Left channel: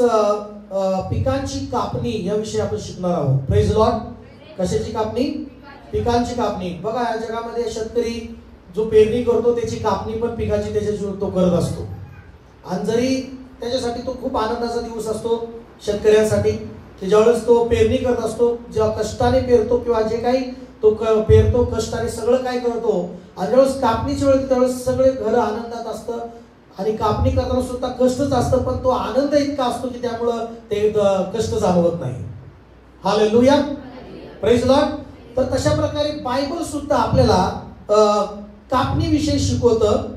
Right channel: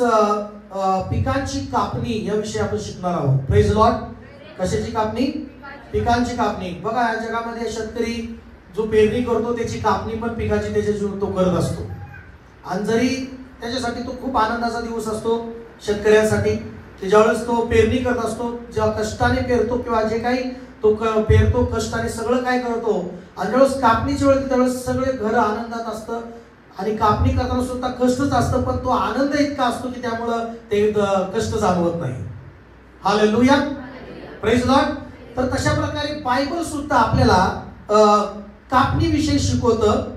यावेळेस पिकांची कापणी या विषयी आपण शिकणार आहोत. Praise Lord. कशाची कापणी? पिकांची कापणी. बघा या जगामध्ये शेतकरी जो पेरणी करतो त्याची कापणी पण पिकाची त्याच्या तो करत असतो. आणि जरी त्याच्यासाठी तो खूप आनंदाचा दिवस असतो शेतकऱ्यांसाठी, ज्यावेळेस तो पेरणी करत असतो, जेव्हा कष्टाने पेरतो किंवा जे काही तो पेरतो कष्टाने सगळं काय करतो, आणि ज्यावेळेस कापणीची वेळ त्यावेळेस सगळे घर आनंदात असतं. आणि कापणी करताना सुद्धा कष्टच असतं, पण तो आनंद इतका असतो की त्यामुळं ते कष्ट जाणवत नाही. हालेलुया. Praise Lord. तर तशा प्रकारे बायबल सुद्धा आपल्याला कापणी विषयी शिकवतं.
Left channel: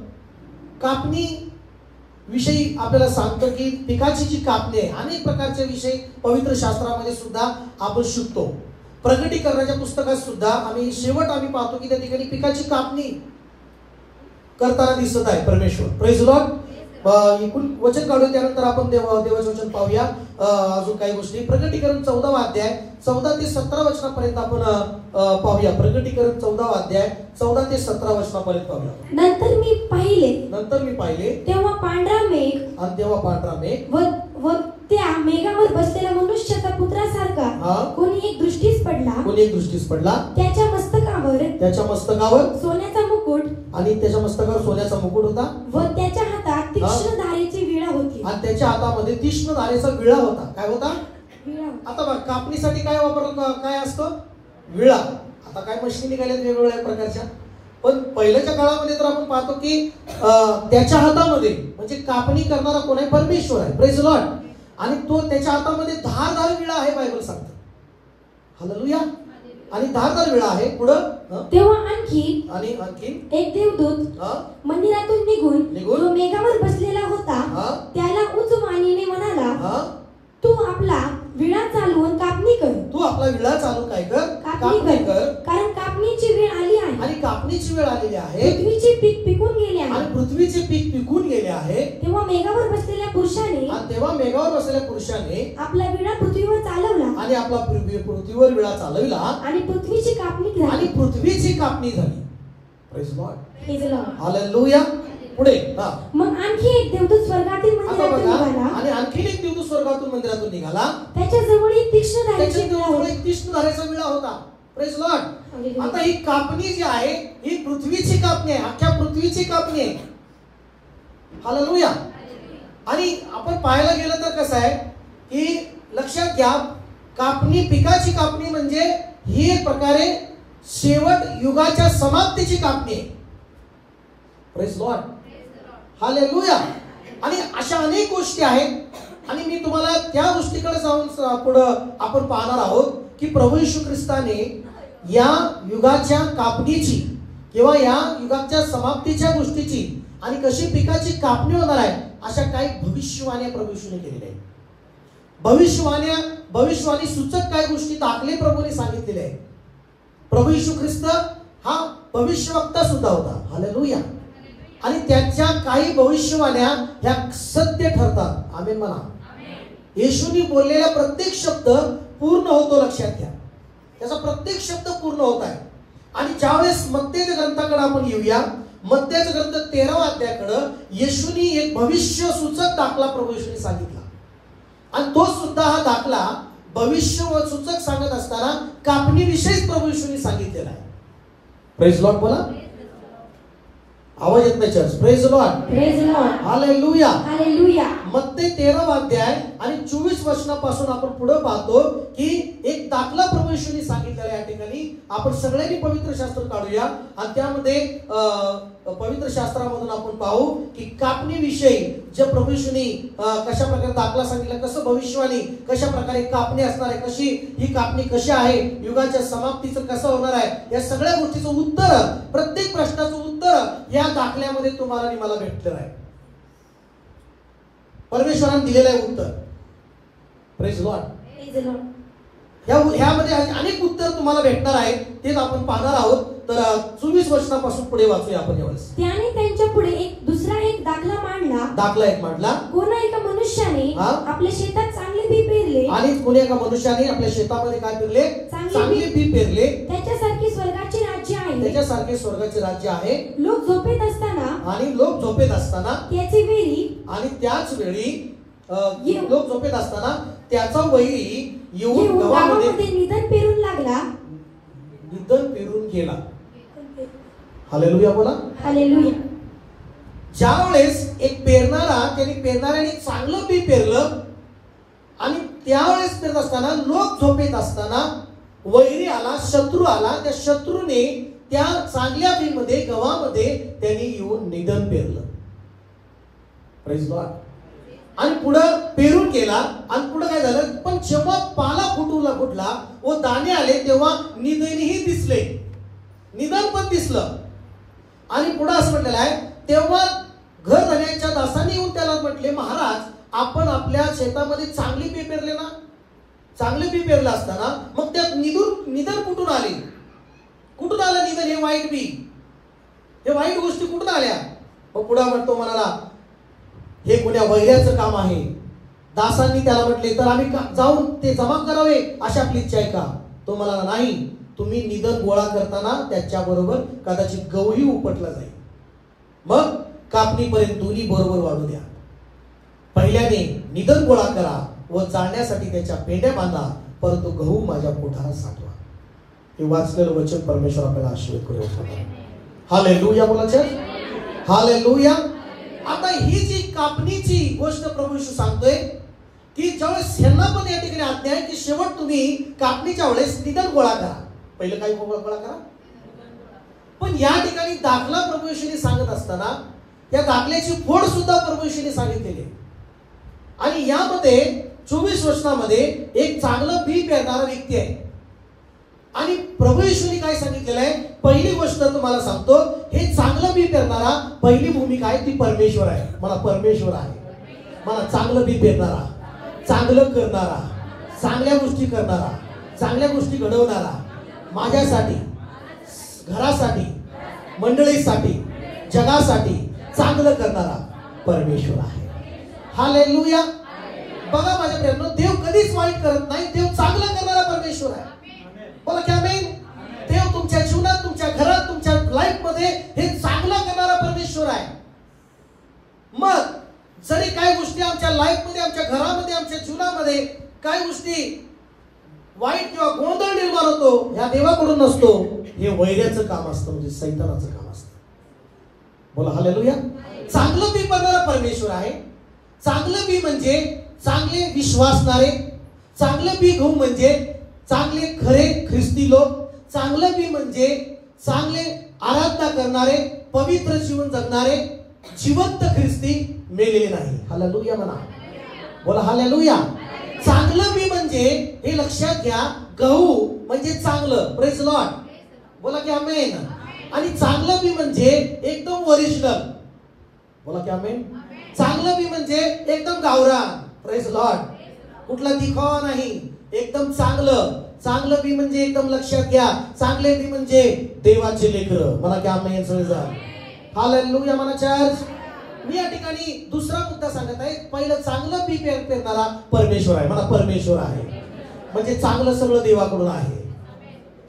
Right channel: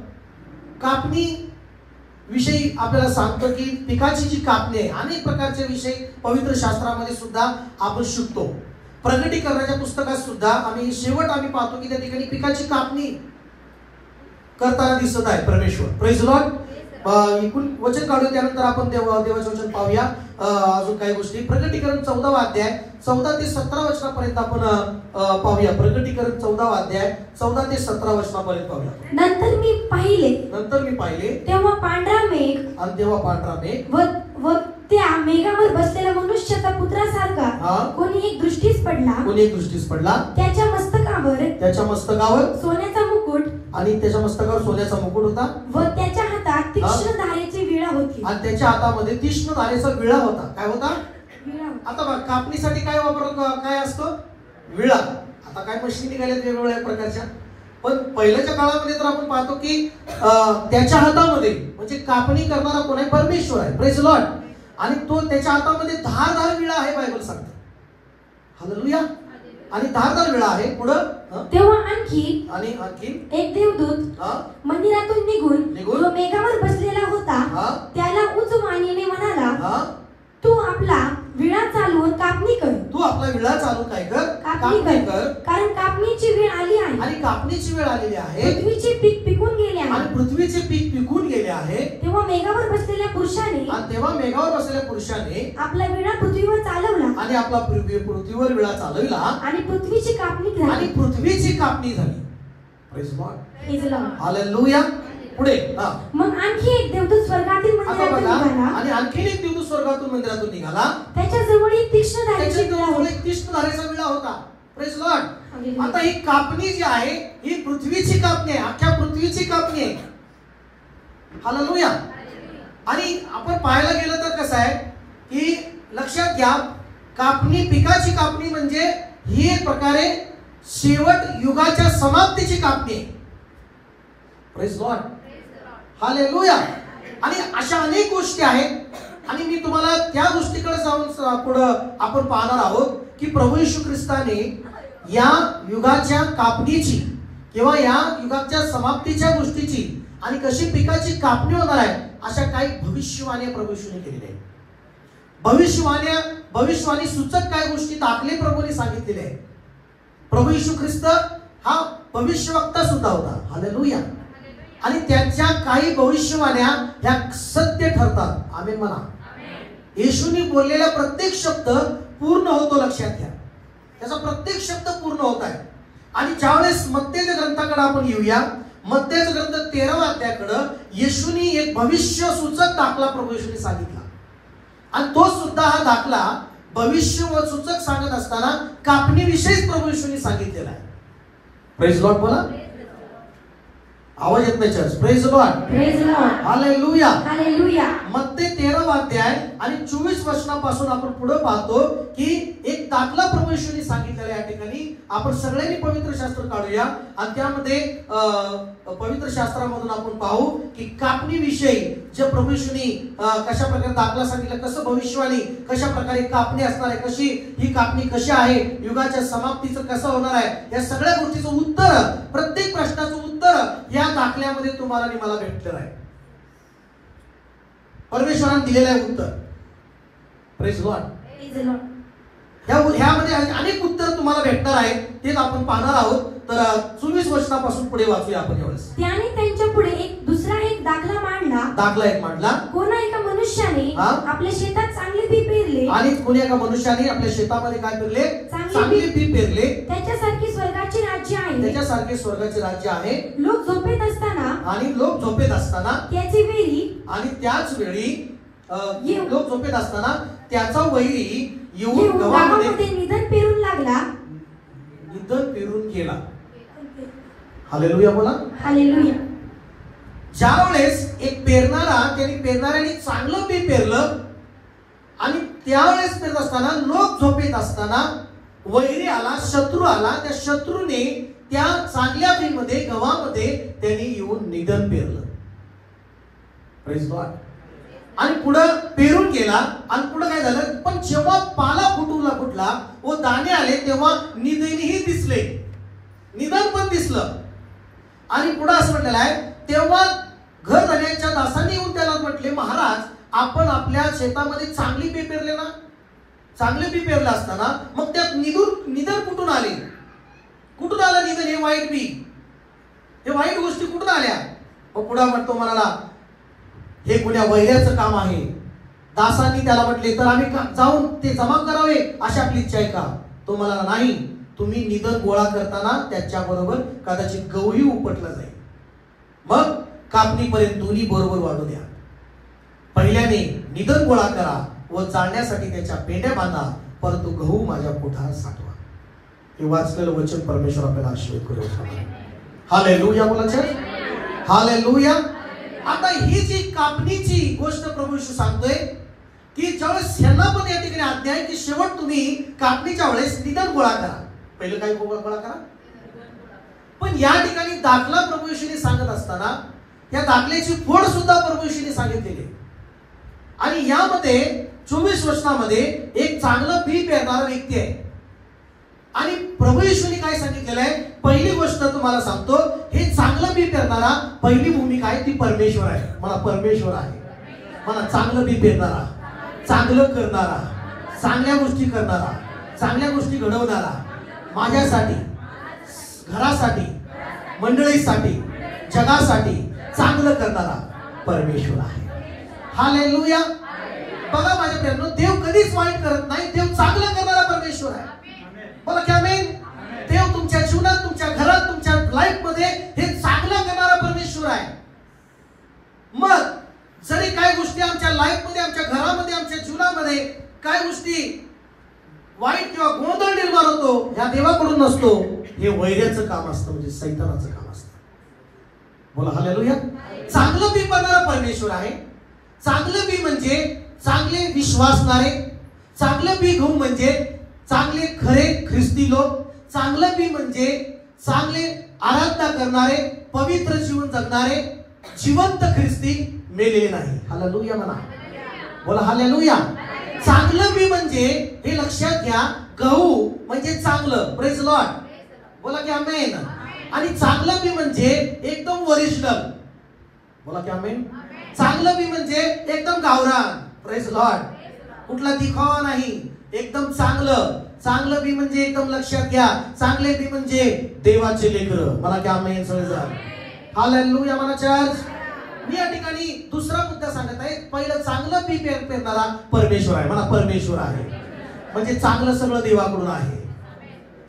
कापणी विषयी आपल्याला सांगतं की पिकाची जी कापणी आहे, अनेक प्रकारचे विषय पवित्र शास्त्रामध्ये सुद्धा आपण शिकतो. प्रकटीकरणाच्या पुस्तकात सुद्धा आम्ही पाहतो की त्या ठिकाणी पिकाची कापणी करताना दिसत आहे परमेश्वर. Praise Lord. वचन काढूया, त्यानंतर आपण देवाचे वचन पाहूया. अजून काही गोष्टी प्रकटीकरण 14वा अध्याय 14 ते 17 वचनापर्यंत आपण पाहूया. प्रकटीकरण 14वा अध्याय 14 ते 17 वचनापर्यंत पाहूया. नंतर मी पाहिले तेव्हा पांढरा मेघ, आणि तेव्हा पांढरा मेघ व त्या मेघावर बसलेला मनुष्याचा पुत्रासारखा कोणी एक दृष्टीस पडला. त्याच्या मस्तकावर सोन्याचा मुकुट, आणि त्याच्या मस्तकावर सोन्याचा मुकुट होता, व त्याच्या हातात तीक्ष्ण धारेची विळा होती. आणि त्याच्या हातामध्ये तीक्ष्ण धारेचा विळा होता. काय होता? आता बघ, कापणीसाठी काय काय असतं? विळा. आता काय मशीन निघाल्यात वेगवेगळ्या प्रकारच्या, पण पहिल्याच्या काळामध्ये तर आपण पाहतो की त्याच्या हातामध्ये म्हणजे कापणी करणारा कोण आहे? परमेश्वर आहे. Praise Lord. आणि तो त्याच्या हातामध्ये धारदार विळा आहे, बायबल सांगते. हालेलुया. आणि धारदार विळा आहे. पुढं तेव्हा आणखी एक देवदूत मंदिरातून निघून जो मेघावर बसलेला होता त्याला उच्च वाणीने म्हणाला, तू आपला विळा चालवून कापणी कर. तू आपला विळा चालवून काय कर? कापणी कर. कारण कापणीची वेळ आली आहे. आणि कापणीची वेळ आलेली आहे. पृथ्वीचे पीक पिकून गेले आहे. आणि पृथ्वीचे पीक पिकून गेले आहे. तेव्हा मेघावर बसलेल्या पुरुषाने आपला विळा पृथ्वीवर चालवला. आणि आपला पृथ्वीवर विळा चालविला. आणि पृथ्वीची कापणी झाली. Praise lord. हालेलुया. पुढे मग आणखी एक देवदूत स्वर्गातील मंदिरातून निघाला. आणि आणखी एक देवदूत स्वर्गातून मंदिरातून निघाला. त्याच्या जवळ एक तीक्ष्ण धारेचा विळा होता. Praise Lord. आता ही कापणी जी आहे ही पृथ्वीची कापणी आहे, अख्ख्या पृथ्वीची कापणी आहे. हालेलुया. आणि आपण पाहायला गेलं तर कसं आहे की लक्षात घ्या, कापणी पिकाची कापणी म्हणजे ही एक प्रकारे शेवट युगाच्या समाप्तीची कापणी आहे. Praise lord. हालेलुया. आणि अशा अनेक गोष्टी आहेत, आणि मी तुम्हाला त्या गोष्टीकडे जाऊन पुढं आपण पाहणार आहोत की प्रभू येशू ख्रिस्ताने या युगाच्या कापणीची किंवा या युगाच्या समाप्तीच्या गोष्टीची आणि कशी पिकाची कापणी होणार आहे अशा काही भविष्यवाण्या प्रभू येशूने केलेल्या आहेत. भविष्यवाणी सूचक काही गोष्टी दाखले प्रभूने सांगितलेले आहेत. प्रभू येशू ख्रिस्त हा भविष्यवक्ता सुद्धा होता. हालेलुया. आणि त्याच्या काही भविष्यवाण्या ह्या सत्य ठरतात. आमेन म्हणा. येशूने बोललेला प्रत्येक शब्द पूर्ण होतो. लक्षात घ्या, त्याचा प्रत्येक शब्द पूर्ण होत आहे. आणि ज्यावेळेस मत्तेच्या ग्रंथाकडे आपण येऊया, मत्तेचा ग्रंथ 13व्या अध्यायाकडे येशूने एक भविष्य सूचक दाखला प्रभू येशूने सांगितला. आणि तो सुद्धा हा दाखला भविष्य सूचक सांगत असताना कापणीविषयी प्रभू येशूने सांगितलेला आहे. Praise lord. बोला. आवाज येत नाही church. Praise lord. Praise lord. Hallelujah. Hallelujah. मत्ते 13वा अध्याय आणि 24 वचनापासून आपण पुढे पाहतो की एक दाखला प्रभू येशूने सांगितलेला. या ठिकाणी आपण सगळ्यांनी पवित्र शास्त्र काढूया आणि त्यामध्ये पवित्र शास्त्रामधून आपण पाहू की कापणीविषयी जे प्रभू येशूने कशा प्रकारे दाखला सांगितला, कसं भविष्यवाणी कशा प्रकारे कापणी असणार आहे, कशी ही कापणी कशी आहे, युगाच्या समाप्तीचं कसं होणार आहे, या सगळ्या गोष्टीचं उत्तर, प्रत्येक प्रश्नाचं उत्तर या दाखल्यामध्ये तुम्हाला आणि मला भेटलेलं आहे. परमेश्वराने दिलेलं आहे उत्तर. Praise Lord. ह्यामध्ये अनेक उत्तर तुम्हाला भेटणार आहेत, तेच आपण पाहणार आहोत. तर 24 वचनापासून पुढे वाचूया आपण यावेळेस. त्याने त्यांच्या पुढे एक दुसरा दाखला मांडला. कोणा एका मनुष्याने आपल्या शेतात चांगले बी पेरले. आणि कोणी एका मनुष्याने आपल्या शेतामध्ये काय पेरले? चांगले बी पेरले. त्याच्यासारखे स्वर्गाचे राज्य आहे. लोक झोपेत असताना त्याच वेळी लोक झोपेत असताना त्याचा वैरी येऊन गव्हामध्ये निधन पेरून लागला, निधन पेरून गेला. हालेलुया बोला. हालेलुया. ज्या वेळेस एक पेरणाऱ्याने चांगलं बी पेरलं आणि त्यावेळेस पेरत असताना लोक झोपेत असताना वैरी आला, शत्रू आला. त्या शत्रूने त्या चांगल्या बीमध्ये गव्हामध्ये त्यांनी येऊन निधन पेरलं. Praise God. आणि पुढं पेरून गेला आणि पुढं काय झालं, पण जेव्हा पाला फुटला व दाणे आले तेव्हा निधनही दिसले, निधन पण दिसलं. आणि पुढं असं म्हटलेलं आहे, तेव्हा घर धन्याच्या दासांनी येऊन त्याला म्हटले, महाराज आपण आपल्या शेतामध्ये चांगली बी पेरले ना, चांगले बी पेरलं असताना मग त्यात निधन कुठून आले, कुठून आलं निधन? हे वाईट बी, हे वाईट गोष्टी कुठून आल्या? मग पुढे म्हणतो मला, हे कुण्या वैऱ्याचं काम आहे. दासांनी त्याला म्हटले, तर आम्ही जाऊन ते जमा करावे अशी आपली इच्छा आहे का? तो मला नाही, तुम्ही निधन गोळा करताना त्याच्याबरोबर कदाचित गहूही उपटला जाईल, मग कापणीपर्यंत दोन्ही बरोबर वाढू द्या. पहिल्याने निधन गोळा करा व जाळण्यासाठी त्याच्या पेंड्या बांधा, परंतु गहू माझ्या पोटात साठवा. हे वाचलेलं वचन परमेश्वर आपल्याला आशीर्वाद करू. हालेलुया बोलायचं, हालेलुया. आता ही जी कापणीची गोष्ट प्रभू येशू सांगतोय की ज्यावेळेस ह्यांना पण या ठिकाणी आज्ञा आहे की शेवट तुम्ही कापणीच्या वेळेस निधन गोळा करा. पहिलं काय गोळा करा, पण या ठिकाणी दाखला प्रभू येशूने सांगत असताना या दाखल्याची फोड सुद्धा प्रभू येशूने सांगितलेली. आणि यामध्ये 24 वचनामध्ये एक चांगलं बी पेरणारा व्यक्ती आहे. आणि प्रभू येशूने काय सांगितलेलं आहे, पहिली गोष्ट तुम्हाला सांगतो, हे चांगलं बी पेरणारा पहिली भूमिका आहे ती परमेश्वर आहे. मला परमेश्वर आहे, मला चांगलं बी पेरणारा, चांगलं करणारा, चांगल्या गोष्टी करणारा, चांगल्या गोष्टी घडवणारा, माझ्यासाठी, घरासाठी, मंडळीसाठी, जगासाठी चांगलं करणारा परमेश्वर आहे. हालेलुया. बघा माझ्या प्रियांनो, देव कधीच वाईट करत नाही, देव चांगलं करणारा परमेश्वर आहे. बोला की आमेन. देव तुमच्या जीवनात, तुमच्या घरात, तुमच्या लाईफ मध्ये हे चांगलं करणारा परमेश्वर आहे. मग जरी काही गोष्टी आमच्या लाईफ मध्ये, आमच्या घरामध्ये, आमच्या जीवनामध्ये काही गोष्टी वाईट किंवा गोंधळ निर्माण होतो, या देवाकडून नसतो, हे वैऱ्याचं काम असतं, म्हणजे सैतानाचं काम असतं. बोला हालेलुया. चांगलं बी करणारा परमेश्वर आहे. चांगलं बी म्हणजे चांगले विश्वासणारे, चांगलं बी गहू म्हणजे चांगले खरे ख्रिस्ती लोक, चांगलं बी म्हणजे चांगले आराधना करणारे, पवित्र जीवन जगणारे, जिवंत ख्रिस्ती, मेलेले नाही. हालेलुया म्हणा. बोला हालेलुया. चांगलं बी म्हणजे हे लक्षात घ्या, गहू म्हणजे चांगलं. Praise lord. बोला की आमेन. आणि चांगलं बी म्हणजे एकदम ओरिजिनल. बोला की आमेन. चांगलं बी म्हणजे एकदम गावरान. Praise Lord. कुठला दिखावा नाही, एकदम चांगलं. चांगलं बी म्हणजे एकदम लक्षात घ्या, चांगले बी म्हणजे देवाचे लेकरं. मला की आमेन सगळेजण. हालेलुया म्हणा चर्च. मी या ठिकाणी दुसरा मुद्दा सांगत आहे. पहिलं चांगलं बी पेरणारा परमेश्वर आहे. मला परमेश्वर आहे म्हणजे चांगलं सगळं देवाकडून आहे.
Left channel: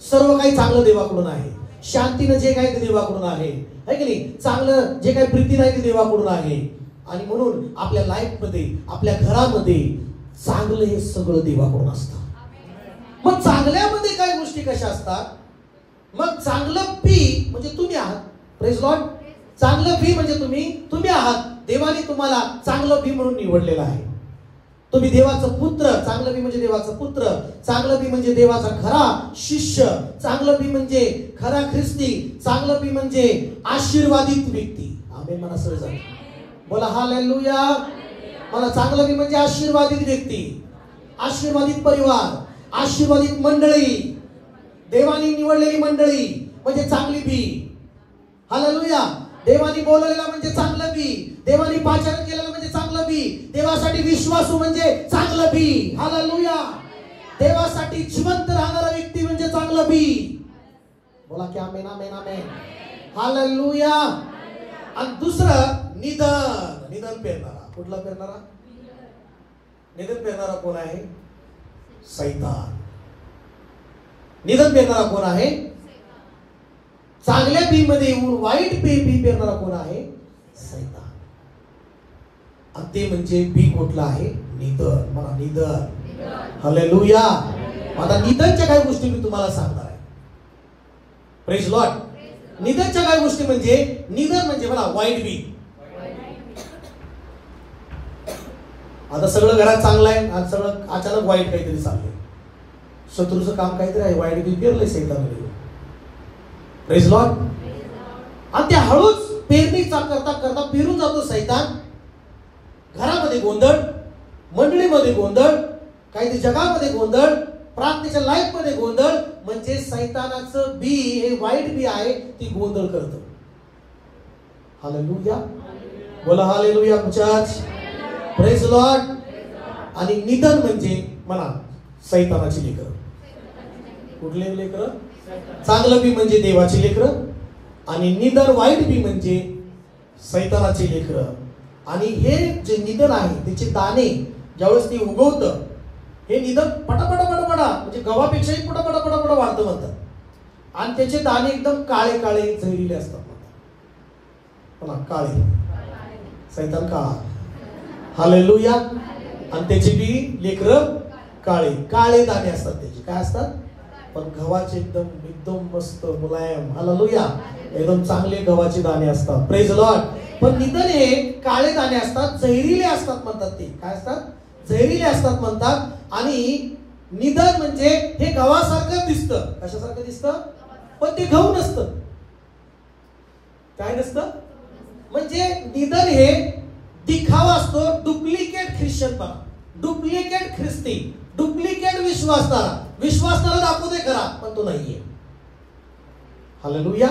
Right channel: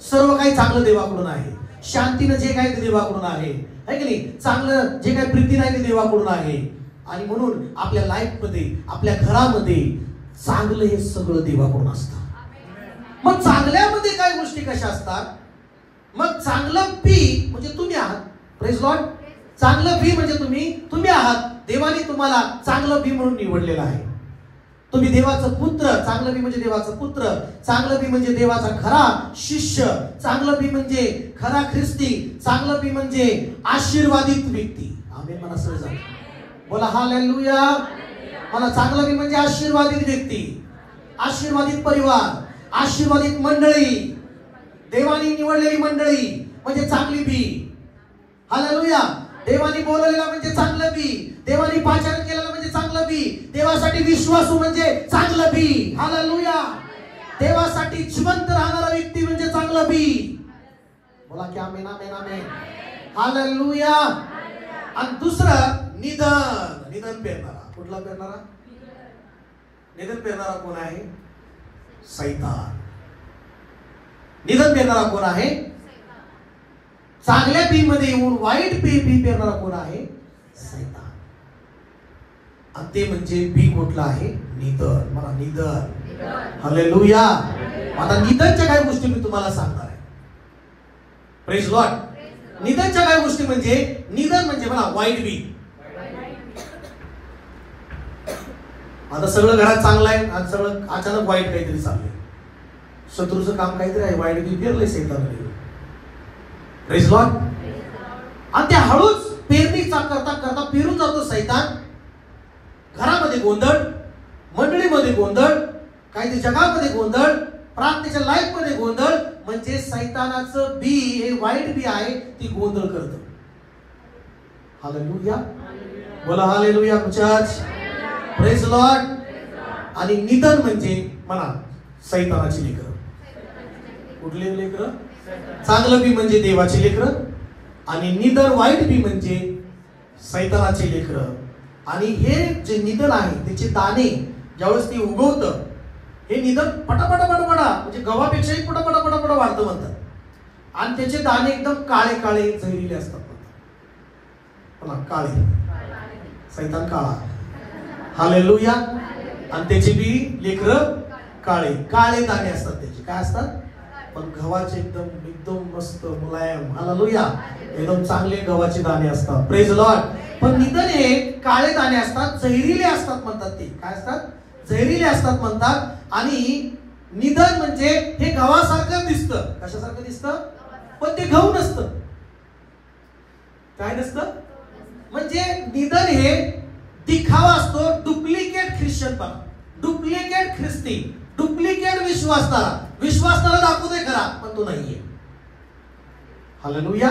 सर्व काही चांगलं देवाकडून आहे. शांतीनं जे काही ते देवाकडून आहे, है की नाही? चांगलं जे काही प्रीतीनं आहे ते देवाकडून आहे. आणि म्हणून आपल्या लाईफ मध्ये, आपल्या घरामध्ये चांगलं हे सगळं देवाकडून असतं. मग चांगल्यामध्ये काय गोष्टी कशा असतात? मग चांगलं बी म्हणजे तुम्ही आहात. Praise Lord. चांगलं बी म्हणजे तुम्ही आहात. देवाने तुम्हाला चांगलं बी म्हणून निवडलेलं आहे. तुम्ही देवाचं पुत्र. चांगलं बी म्हणजे देवाचं पुत्र. चांगलं बी म्हणजे देवाचा खरा शिष्य. चांगलं बी म्हणजे खरा ख्रिस्ती. चांगलं बी म्हणजे आशीर्वादित व्यक्ती. आमेन म्हणा सगळेजण. बोला हालेलुया. मला चांगलं बी म्हणजे आशीर्वादित व्यक्ती, आशीर्वादित परिवार, आशीर्वादित मंडळी, देवाने निवडलेली मंडळी म्हणजे चांगली बी. हालेलुया. देवाने बोलवलेला म्हणजे चांगलं बी. देवाने पाचारण केलेलं म्हणजे चांगलं बी. देवासाठी विश्वासू म्हणजे चांगलं बी. हालेलुया. देवासाठी जिवंत राहणारा व्यक्ती म्हणजे चांगलं बी. बोला की आमेन आमेन आमेन. हालेलुया. आणि दुसरं निधन पेरणारा. कुठला पेरणारा? निधन पेरणारा कोण आहे? सैतान. निधन पेरणारा कोण आहे? चांगल्या बी मध्ये येऊन वाईट बी पेरणारा कोण आहे? सैतान. आणि ते म्हणजे बी कुठलं आहे? निधन. मला निधन. हालेलुया. आता निधनच्या काही गोष्टी मी तुम्हाला सांगणार आहे. Praise Lord. निधनच्या काही गोष्टी म्हणजे निधन म्हणजे मला वाईट बी. आता सगळं घरात चांगलं आहे आणि सगळं अचानक वाईट काहीतरी चाललंय. शत्रूचं काम काहीतरी आहे, वाईट बी पेरलंय सैतानाने. Praise Lord. आणि ते हळूच पेरणी करता करता पेरून जातो सैतान. घरामध्ये गोंधळ, मंडळीमध्ये गोंधळ, काही जगामध्ये गोंधळ, प्रार्थनेच्या लाईफ मध्ये गोंधळ. म्हणजे सैतानाचं बी हे वाईट बी आहे, ती गोंधळ करतं. हालेलुया. बोला हालेलुया चर्च. Praise Lord. आणि निधन म्हणजे म्हणा सैतानाची लेकरं. कुठले लेकरं? चांगलं बी म्हणजे देवाची लेकरं आणि निधन वाईट बी म्हणजे सैतानाची लेकरं. आणि हे जे निधन आहे त्याचे दाणे ज्यावेळेस ते उगवतं, हे निधन पटापटा पटापटा म्हणजे गव्हापेक्षाही पटापटा पटापटा वाढतं म्हणतात. आणि त्याचे दाणे एकदम काळे काळे जहिरीले असतात. काळे. सैतान काळा. हालेलुया. आणि त्याची बी लेकरं काळे काळे दाणे असतात त्याचे. काय असतात? पण गव्हाचे एकदम एकदम मस्त मुलायम. हालेलुया. एकदम चांगले गव्हाचे दाणे असतात. Praise Lord. पण निधन हे काळे दाणे असतात, जहिरीले असतात म्हणतात. ते काय असतात? जहिरीले असतात म्हणतात. आणि निधन म्हणजे हे गव्हासारखं दिसतं. कशासारखं दिसतं? पण ते गहू नसतं. काय नसतं? म्हणजे निधन हे दिखावा असतो. डुप्लिकेट ख्रिश्चन बघा, डुप्लिकेट ख्रिस्ती, डुप्लिकेट विश्वासणारा दाखवते खरा पण तो नाहीये. हालेलुया.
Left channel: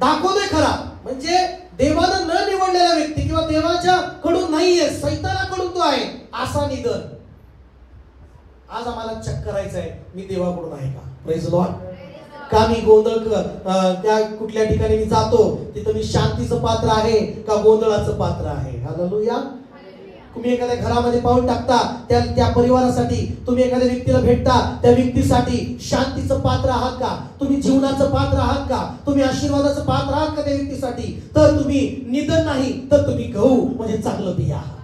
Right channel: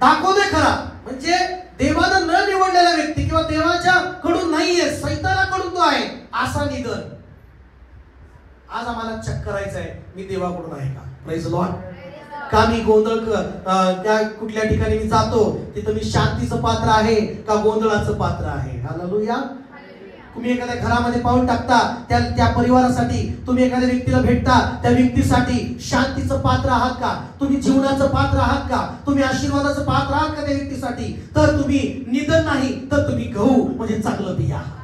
दाखवते खरा म्हणजे देवानं न निवडलेला व्यक्ती किंवा देवाच्या कडून नाहीये, सैतानाकडून तो आहे, असा निधन. आज आम्हाला चेक करायचं आहे मी देवाकडून आहे का? Praise Lord. का मी गोंधळ त्या कुठल्या ठिकाणी मी जातो तिथं मी शांतीचं पात्र आहे का गोंधळाचं पात्र आहे? हालेलुया. तुम्ही एखाद्या घरामध्ये पाऊल टाकता त्या परिवारासाठी, तुम्ही एखाद्या व्यक्तीला भेटता त्या व्यक्तीसाठी शांतीचं पात्र आहात का? तुम्ही जीवनाचं पात्र आहात का? तुम्ही आशीर्वादाचं पात्र आहात का त्या व्यक्तीसाठी? तर तुम्ही निधन नाही तर तुम्ही गहू म्हणजे चांगलं बी आहात.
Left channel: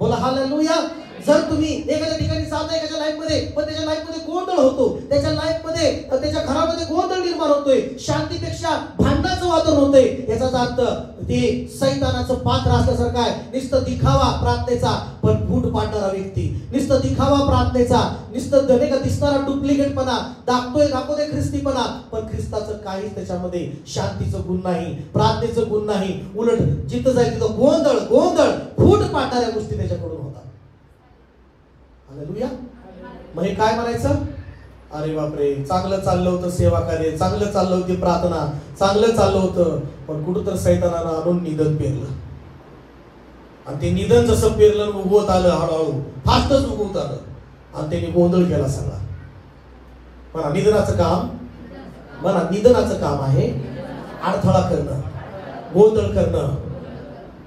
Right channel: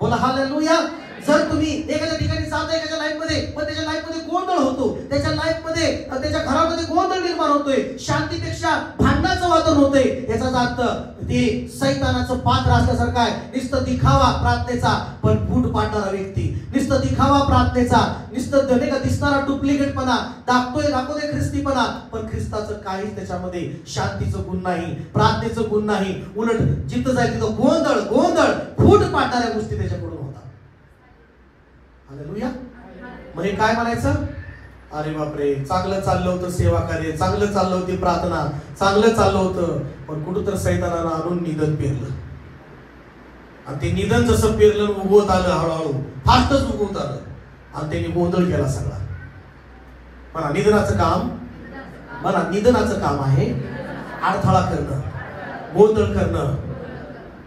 बोला हालेलुया. जर तुम्ही एखाद्या ठिकाणी जाता एखाद्या लाईफ मध्ये, पण त्याच्या लाईफ मध्ये गोंधळ होतो, त्याच्या लाईफ मध्ये त्याच्या घरामध्ये गोंधळ निर्माण होतोय, शांतीपेक्षा भांडणाचं वातावरण होतंय, याचा अर्थ ते सैतानाचं पात्र असल्यासारखं आहे. नुसतं दिखावा प्रार्थनेचा पण फूट पाडणारा व्यक्ती, नुसतं दिखावा प्रार्थनेचा, नुसतं धने का दिसणारा डुप्लिकेटपणा, दाखवतोय ख्रिस्तीपणा, पण ख्रिस्ताचं काहीच त्याच्यामध्ये शांतीचं गुण नाही, प्रार्थनेचं गुण नाही. उलट जिथं जाईल तिथं गोंधळ गोंधळ फूट पाडणाऱ्या गोष्टी त्याच्याकडून होतात. हालेलुया. म्हणजे काय म्हणायचं? अरे बापरे, चांगलं चाललं होतं सेवा कार्य, चांगलं चाललं होती प्रार्थना, चांगलं चाललं होतं, पण कुठं तर सैतानानं आणून निधन पेरलं. आणि ते निधन जसं पेरलं उगवत आलं, हळूहळू फास्टच उगवत आलं आणि त्यांनी गोंधळ केला सगळा. बघा निधनाचं काम आहे अडथळा करणं, गोंधळ करणं,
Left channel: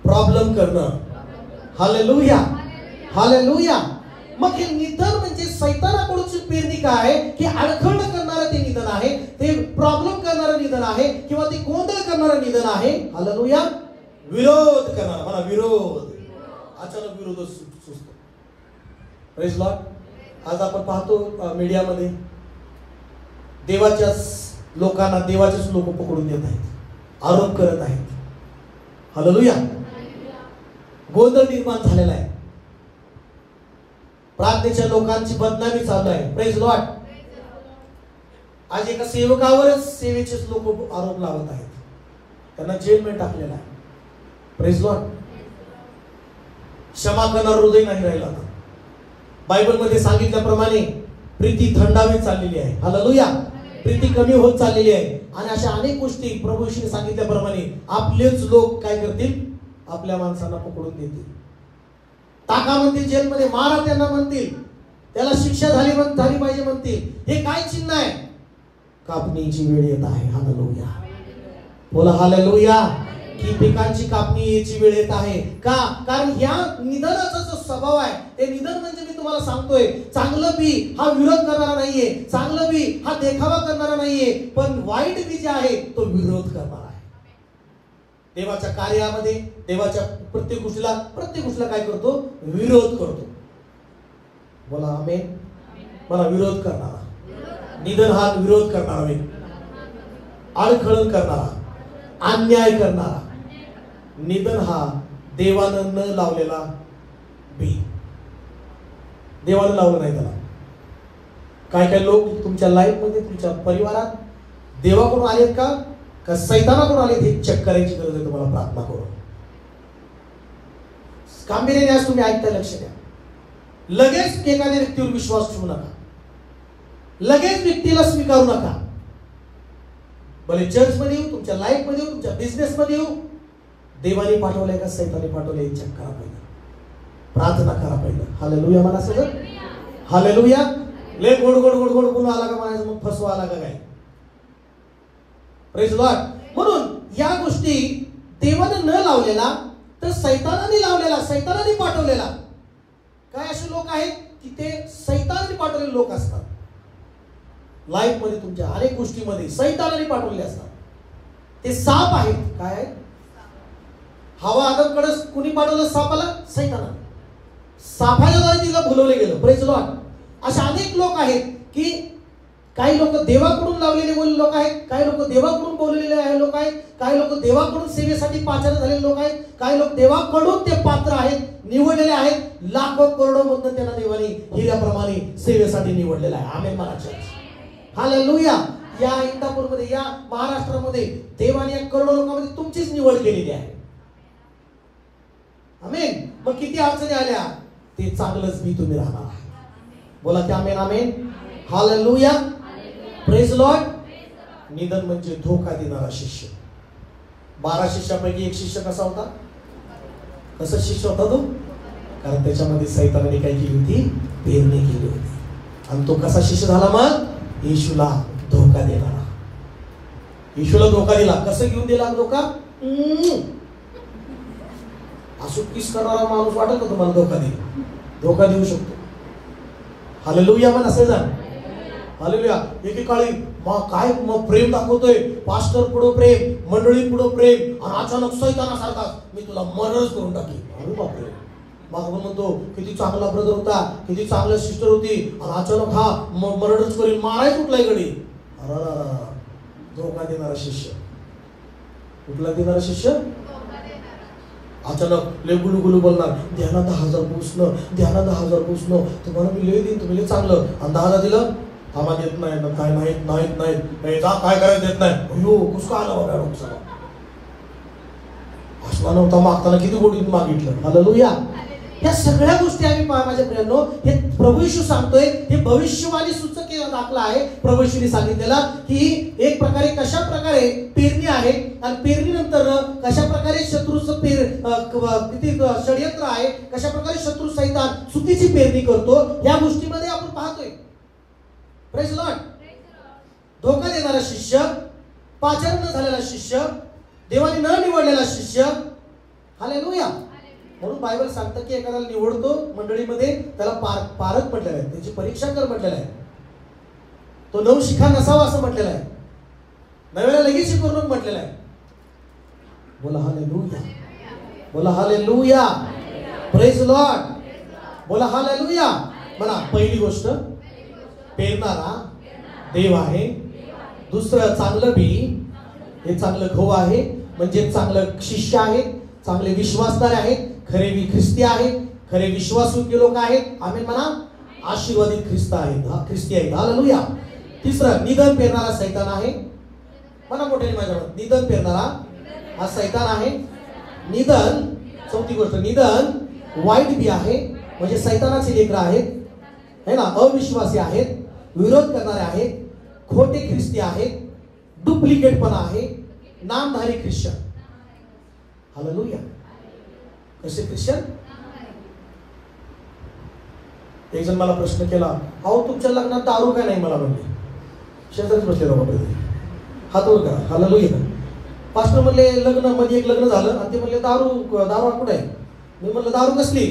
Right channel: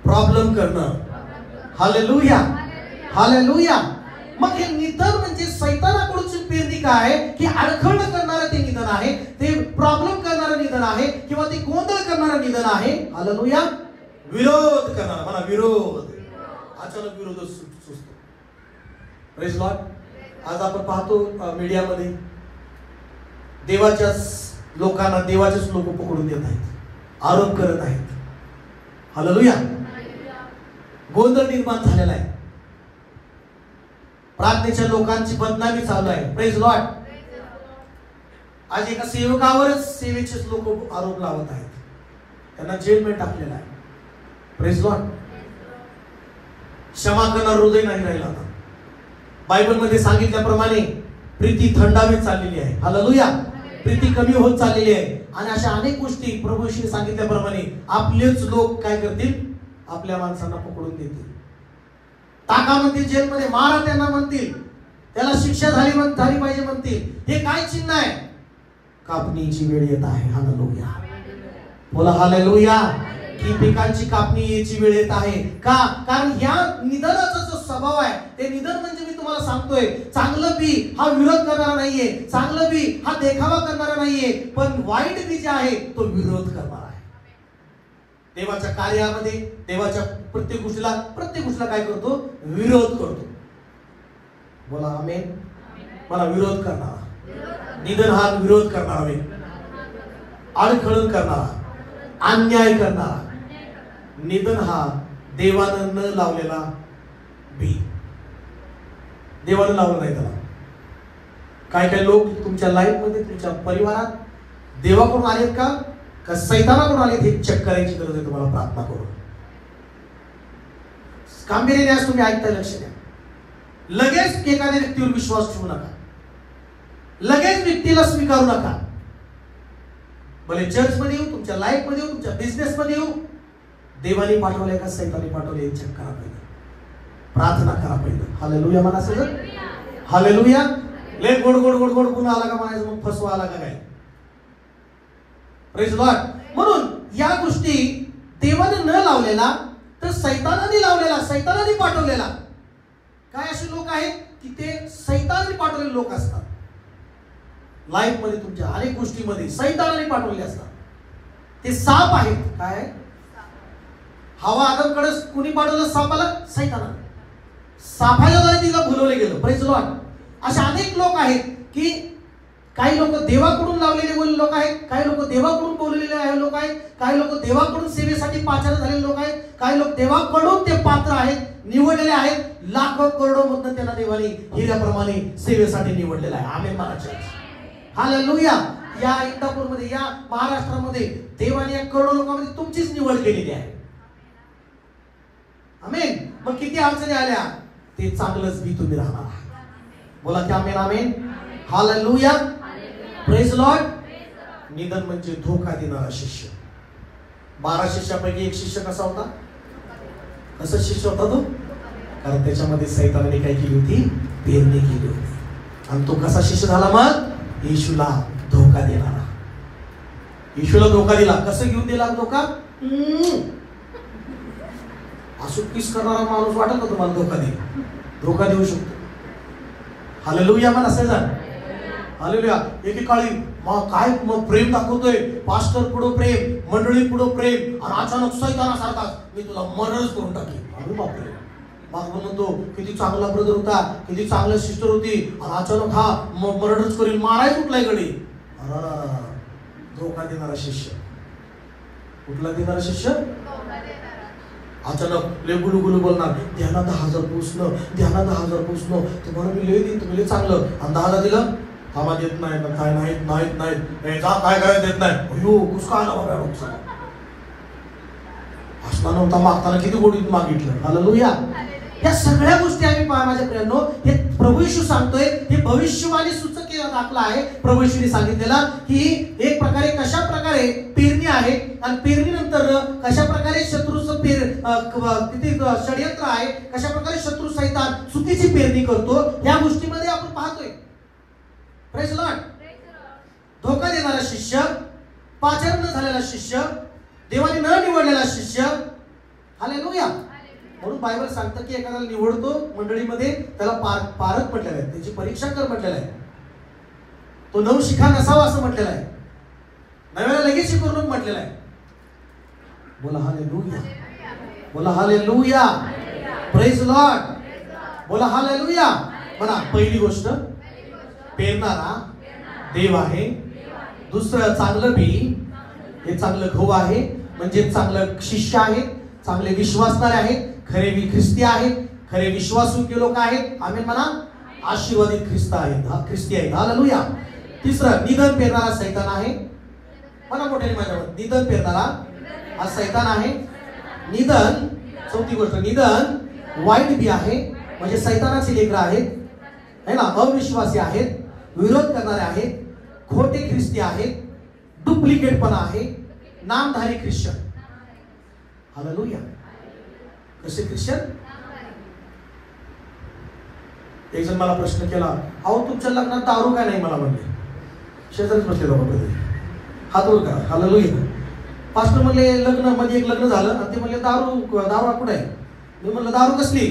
प्रॉब्लेम करणं. हालेलुया. हालेलुया. मग हे निधन म्हणजे सैतानाकडूनची पेरणी काय आहे की अडखळ करणारं ते निधन आहे, ते प्रॉब्लेम करणारं निधन आहे किंवा ते गोंधळ करणारं निधन आहे. हालेलुया. विरोध करणारा मला विरोध, अचानक विरोध सुचतो. Praise Lord. आज आपण पाहतो मीडियामध्ये देवाच्याच लोकांना देवाचेच लोक पकडून देत आहेत, आरोप करत आहेत. हालेलुया. गोंधळ निर्माण झालेला आहे, प्रार्थनेच्या लोकांची बदनामी चालू आहे. Praise Lord. आज एका सेवकावरच सेवेचेच लोक आरोप लावत आहेत, त्यांना जेलमध्ये टाकलेला आहे. Praise Lord. क्षमा करणारं हृदय नाही राहिलं. आता बायबल मध्ये सांगितल्याप्रमाणे प्रीती थंडावीत चाललेली आहे. हालेलुया. प्रीती कमी होत चाललेली आहे. आणि अशा अनेक गोष्टी प्रभूशी सांगितल्याप्रमाणे आपलेच लोक काय करतील? आपल्या माणसांना पकडून देतील, टाका म्हणतील जेलमध्ये, मारा त्यांना म्हणतील, त्याला शिक्षा झाली पाहिजे म्हणतील. हे काय चिन्ह आहे? कापणीची वेळ येत आहे. हालेलुया. बोला हालेलुया. की पिकांची कापणी याची वेळ येत आहे. का? कारण या निधनाचा जो स्वभाव आहे, ते निधन म्हणजे मी तुम्हाला सांगतोय, चांगलं बी हा विरोध करणारा नाहीये, चांगलं बी हा देखावा करणारा नाहीये, पण वाईट बी जे आहे तो विरोध करणार आहे. देवाच्या कार्यामध्ये, देवाच्या प्रत्येक गोष्टीला काय करतो? विरोध करतो. बोला आमेन. मला विरोध करणारा, निधन हा विरोध करणारा व्यक्ती, आडखळण करणारा, अन्याय करणारा. निधन हा देवानं न लावलेला बी. देवानं लावलं नाही त्याला. काय लोक तुमच्या लाईफ मध्ये, तुमच्या परिवारात देवाकडून आलेत का सैतानाकडून आलेत हे चेक करायची गरज आहे. तुम्हाला प्रार्थना करू. गांभीर्याने तुम्ही ऐकताय, लक्ष द्या. लगेच एखाद्या व्यक्तीवर विश्वास ठेवू नका. लगेच व्यक्तीला स्वीकारू नका. भले चर्च मध्ये येऊ, तुमच्या लाईफ मध्ये येऊ, तुमच्या बिझनेस मध्ये येऊ, देवाने पाठवले का सैताने पाठवले चेक करा पाहिजे. प्रार्थना करा पाहिजे. हालेलुया म्हणा सगळं. हालेलुया. ले गोड गोड गोड गोड गुन्हा आला का म्हणायचं, मग फसवा आला का काय? Praise Lord. म्हणून या गोष्टी देवाने न लावलेला तर सैतानाने लावलेला, सैतानाने पाठवलेला. काय असे लोक आहेत की ते सैतानाने पाठवलेले लोक असतात. लाईफ मध्ये तुमच्या अनेक गोष्टीमध्ये सैतानाने पाठवले असतात. ते साप आहेत. काय? हवा आदमकडे कुणी पाठवलं सापाला? सैतानाने. सापाच्या द्वारे तिला भुलवले गेलं. Praise Lord. असे अनेक लोक आहेत की काही लोक देवाकडून लावलेले लोक आहेत, काही लोक देवाकडून बोललेले लोक आहेत, काही लोक देवाकडून सेवेसाठी पाचारण झालेले लोक आहेत, काही लोक देवाकडून ते पात्र आहेत, निवडलेले आहेत. लाखो करोडो मधून त्यांना देवाने हिऱ्याप्रमाणे सेवेसाठी निवडलेलं आहे. आमेन महाराज. हालेलुया. या इंदापूरमध्ये, या महाराष्ट्रामध्ये देवाने या करोडो लोकांमध्ये तुमचीच निवड केलेली आहे. आमेन. मग किती अडचणी आल्या, ते चांगलंच बी तुम्ही राहणार. बोला ते आमेन. आमेन. हालेलुया. Praise Lord. निधन म्हणजे धोका देणारा शिष्य. 12 शिष्यापैकी एक शिष्य कसा होता? कसा शिष्य होता तो? कारण त्याच्यामध्ये सैतानाने काय केली होती? पेरणी केली होती. आणि तो कसा शिष्य झाला? मग येशूला धोका देणारा. येशूला धोका दिला. कसं घेऊन दिला धोका? असं किस करणारा माणूस वाटत होता तुम्हाला धोका देईल? धोका देऊ शकतो. हालेलुया. मग असे जा. हालेलुया. एकेकाळी काय प्रेम दाखवतोय, पास्टर पुढे प्रेम, मंडळी पुढे प्रेम, आणि अचानक सैतानासारखा मी तुला मर्डरच करून टाकेन. अरे बापरे. मग म्हणतो किती चांगला ब्रदर होता, किती चांगला सिस्टर होती, आणि अचानक हा मर्डरच करेल, मारायच कुठलाय कडे. धोका देणारा शिष्य. कुठला देणारा शिष्य? अचानक ले गुलू बोलणार, द्याना 10,000 पुसणं, द्याना 10,000 पुसणं, तुम्हाला मी लय देईन, तुम्ही लय चांगलं. आणि 10,000 दिलं, थांबा देत नाही, मग काय नाही जा, काय देत नाही. अयो कुसका आला बाबा. असला नव्हता मागताना किती गोडीत मागितलं. हालेलुया. या सगळ्या गोष्टी आम्ही माझ्या प्रियांनो, हे प्रभू येशू सांगतोय. हे भविष्यवाणी सूचक दाखला आहे प्रभू येशूने सांगितलेला, की एक प्रकारे कशा प्रकारे पेरणी आहे, आणि पेरणीनंतर कशा प्रकारे शत्रूचं किती षडयंत्र आहे, कशा प्रकारे शत्रू सैतान चुकीची पेरणी करतो. या गोष्टीमध्ये आपण पाहतोय. Praise Lord. धोका देणारा शिष्य, पाचारण न झालेला शिष्य, देवाने न निवडलेला शिष्य. हालेलुया. म्हणून बायबल सांगतं की एखाद्याला निवडतो मंडळीमध्ये, त्याला पारख म्हटलेलं आहे, त्याची परीक्षा कर म्हटलेलं आहे, तो नवशिखा नसावा असं म्हटलेलं आहे, नव्याला लगेच शिकवणूक म्हटलेलं आहे. बोला हालेलुया. बोला हालेलुया. Praise lord. बोला हालेलुया. बघा, पहिली गोष्ट पेरणारा देव आहे. दुसरं चांगलं बी, हे चांगलं गहू आहे, म्हणजे चांगलं शिष्य आहे, चांगले विश्वासणारे आहेत, खरे ख्रिस्ती आहेत, खरे विश्वासयोग्य लोक आहेत. आमेन म्हणा. आशीर्वादित ख्रिस्त आहेत, ख्रिस्ती आहेत. हालेलुया. तिसरं, निधन पेरणारा सैतान आहे. म्हणा मोठ्याने माझ्या मत, निधन पेरणारा हा सैतान आहे. निधन, चौथी गोष्ट, निधन वाईट बी आहे, म्हणजे सैतानाचे लेकरं आहेत, है ना, अविश्वासी आहेत, विरोध करणारे आहेत, खोटे ख्रिस्ती आहेत, डुप्लिकेटपणा आहे, नामधारी ख्रिश्चन. हालेलुया. कसे ख्रिश्चन? एक जण मला प्रश्न केला, अहो तुमच्या लग्नात दारू काय नाही? मला म्हणले, शेजारीच बसलेला म्हणले, हात वर करा. हालेलुया. पास्टर म्हणले लग्न मध्ये एक लग्न झालं, आणि ते म्हणले दारू कुठे आहे? मी म्हणलं दारू कसली?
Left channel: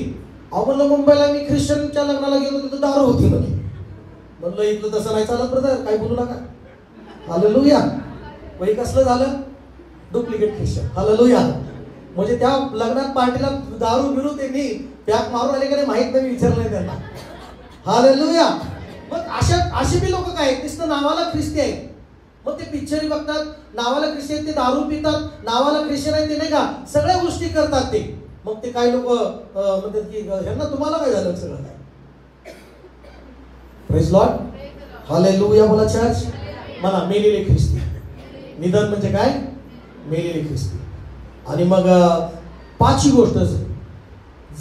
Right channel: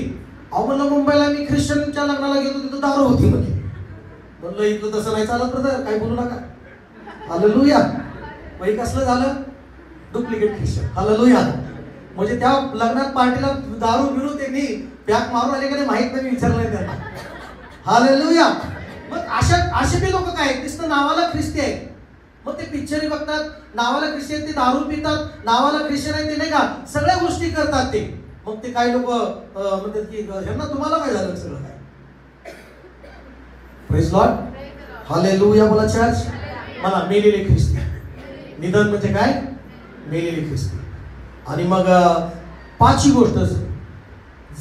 अहो म्हणलं मुंबईला मी ख्रिश्चनच्या लग्नाला गेलो, तिथं दारू होती. म्हणलं इथलं तसं नाही चालत ब्रदर, काय बोलू नका. हालेलुया. मग कसलं झालं? Duplicate Christian. हालेलुया. म्हणजे त्या लग्नात पार्टीला दारू बिरू त्यांनी पॅक मारून आले का माहित नाही, विचारलं नाही त्यांना. हालेलुया. मग असे बी लोक काय नुसतं नावाला ख्रिस्ती आहेत. मग ते पिक्चर बघतात, नावाला ख्रिश्चन, ते दारू पितात, नावाला ख्रिश्चन आहे, ते नाही का सगळ्या गोष्टी करतात ते. मग ते काही लोक म्हणतात की ह्यांना तुम्हाला काय झालं सगळं काय. Praise lord. हालेलुया. बोला चर्च. मला मेलेले ख्रिस्ती. निधन म्हणजे काय? मेलेले ख्रिस्ती. आणि मग पाचवी गोष्ट,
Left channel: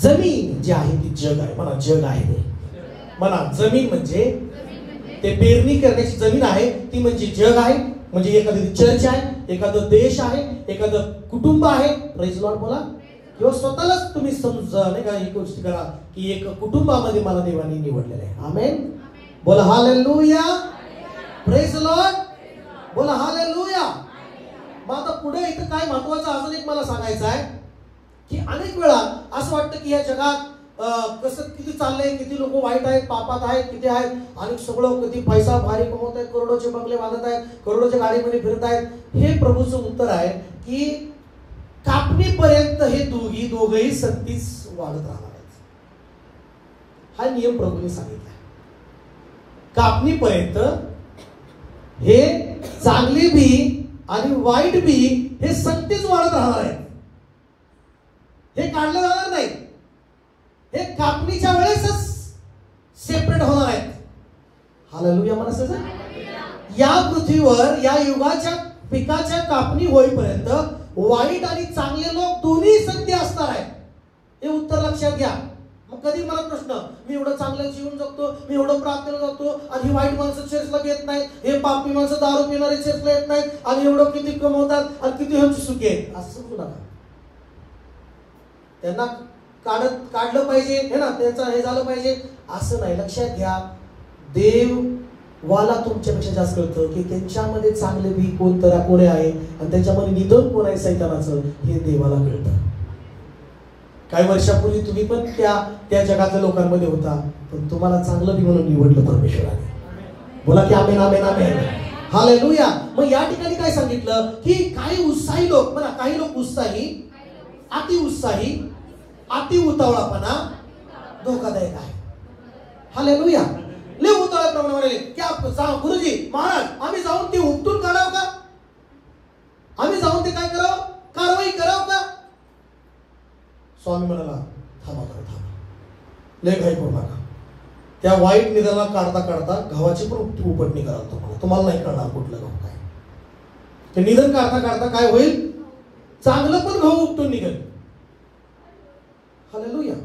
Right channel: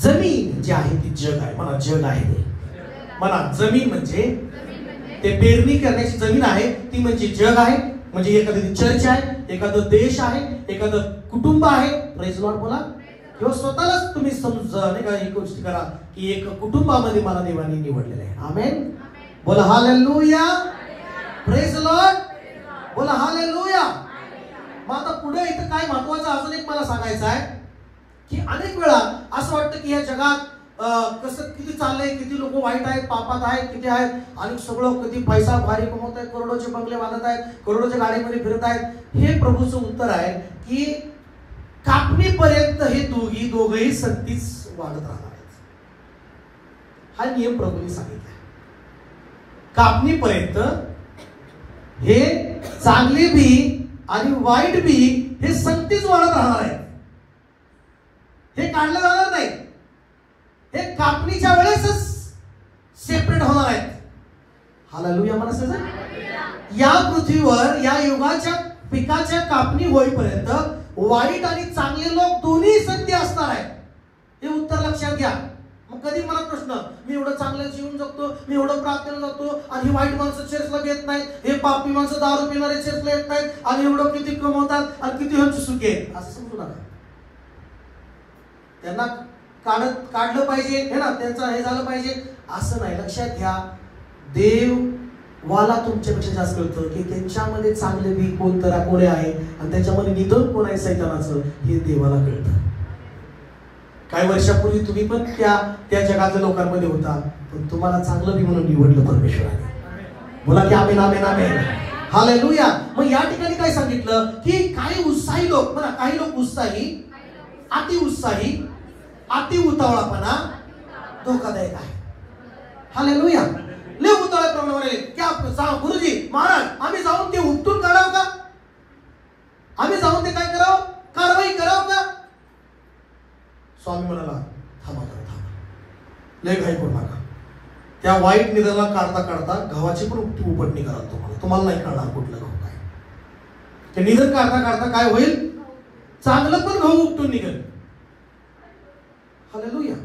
जमीन जी आहे ती जग आहे. मला जग आहे. मला जमीन म्हणजे ते पेरणी करण्याची जमीन आहे ती म्हणजे जग आहे. म्हणजे एखादी चर्च आहे, एखादं देश आहे, एखादं कुटुंब आहे. Praise lord. बोला. किंवा स्वतःलाच तुम्ही समजा नाही का ही गोष्ट करा की एक कुटुंबामध्ये मला देवाने निवडलेलं आहे. आमेन. बोला हालेलुया. Praise lord. बोला हालेलुया. मग आता पुढे इथं काय महत्वाचं अजून एक मला सांगायचं आहे की अनेक वेळा असं वाटतं की या जगात कसं किती चाललंय, किती लोक वाईट आहेत, पापात आहेत, किती आहेत, आणि सगळं किती पैसा भारी कमवत आहेत, करोडोचे बंगले बांधत आहेत, करोडोच्या गाडीमध्ये फिरत आहेत. हे प्रभूचं उत्तर आहे की कापणीपर्यंत हे दोघही सक्तीच वाढत राहणार आहेत. हा नियम प्रभूने सांगितला. कापणीपर्यंत हे चांगले बी आणि वाईट बी हे सक्तीच वाढत राहणार आहे. हे काढलं जाणार नाही. हे कापणीच्या वेळेसच सेपरेट होणार आहेत. हालेलुया. म्हणा. या पृथ्वीवर या युगाच्या पिकाच्या कापणी होईपर्यंत वाईट आणि चांगले लोक दोन्ही सत्य असणार आहेत. हे उत्तर लक्षात घ्या. मग कधी मला प्रश्न, मी एवढं चांगलं जीवन जगतो, मी एवढं प्रार्थनेला जातो, आणि ही वाईट माणसं चर्चला येत नाहीत, हे पापी माणसं दारू पिणारे चर्चला येत नाहीत, आणि एवढं किती कमवतात आणि किती ह्यांची सुखी आहेत, असं समजू नका. त्यांना काढलं पाहिजे हे ना, त्यांचं हे झालं पाहिजे असं नाही. लक्षात घ्या, देवाला तुमच्यापेक्षा जास्त कळतं की त्यांच्यामध्ये चांगले बी कोणी आहे आणि त्याच्यामध्ये निधन कोण आहे सैतानाचं, हे देवाला कळतं. काही वर्षापूर्वी तुम्ही पण त्या जगातल्या लोकांमध्ये होता, पण तुम्हाला चांगलं बी म्हणून निवडलं परमेश्वराने. बोला की आमेन आमेन आमेन. हालेलुया. मग या ठिकाणी काय सांगितलं की काही उत्साही लोक, बघा काही लोक उत्साही, अति उत्साही, अति उतावळापणा धोकादायक आहे. हालेलुया. लय उतावळापणा म्हणाले की गुरुजी महाराज आम्ही जाऊन ते उपटून काढावं का, आम्ही जाऊन ते काय करावं, कारवाई करावं का. स्वामी म्हणाला थांबा, लय घाई करू नका. त्या वाईट निधनाला काढता काढता गव्हाची पण उपटणी करा. तुम्हाला नाही कळणार कुठलं गहू काय. ते निधन काढता काढता काय होईल, चांगलं पण गहू उपटून निघेल. हालेलुया.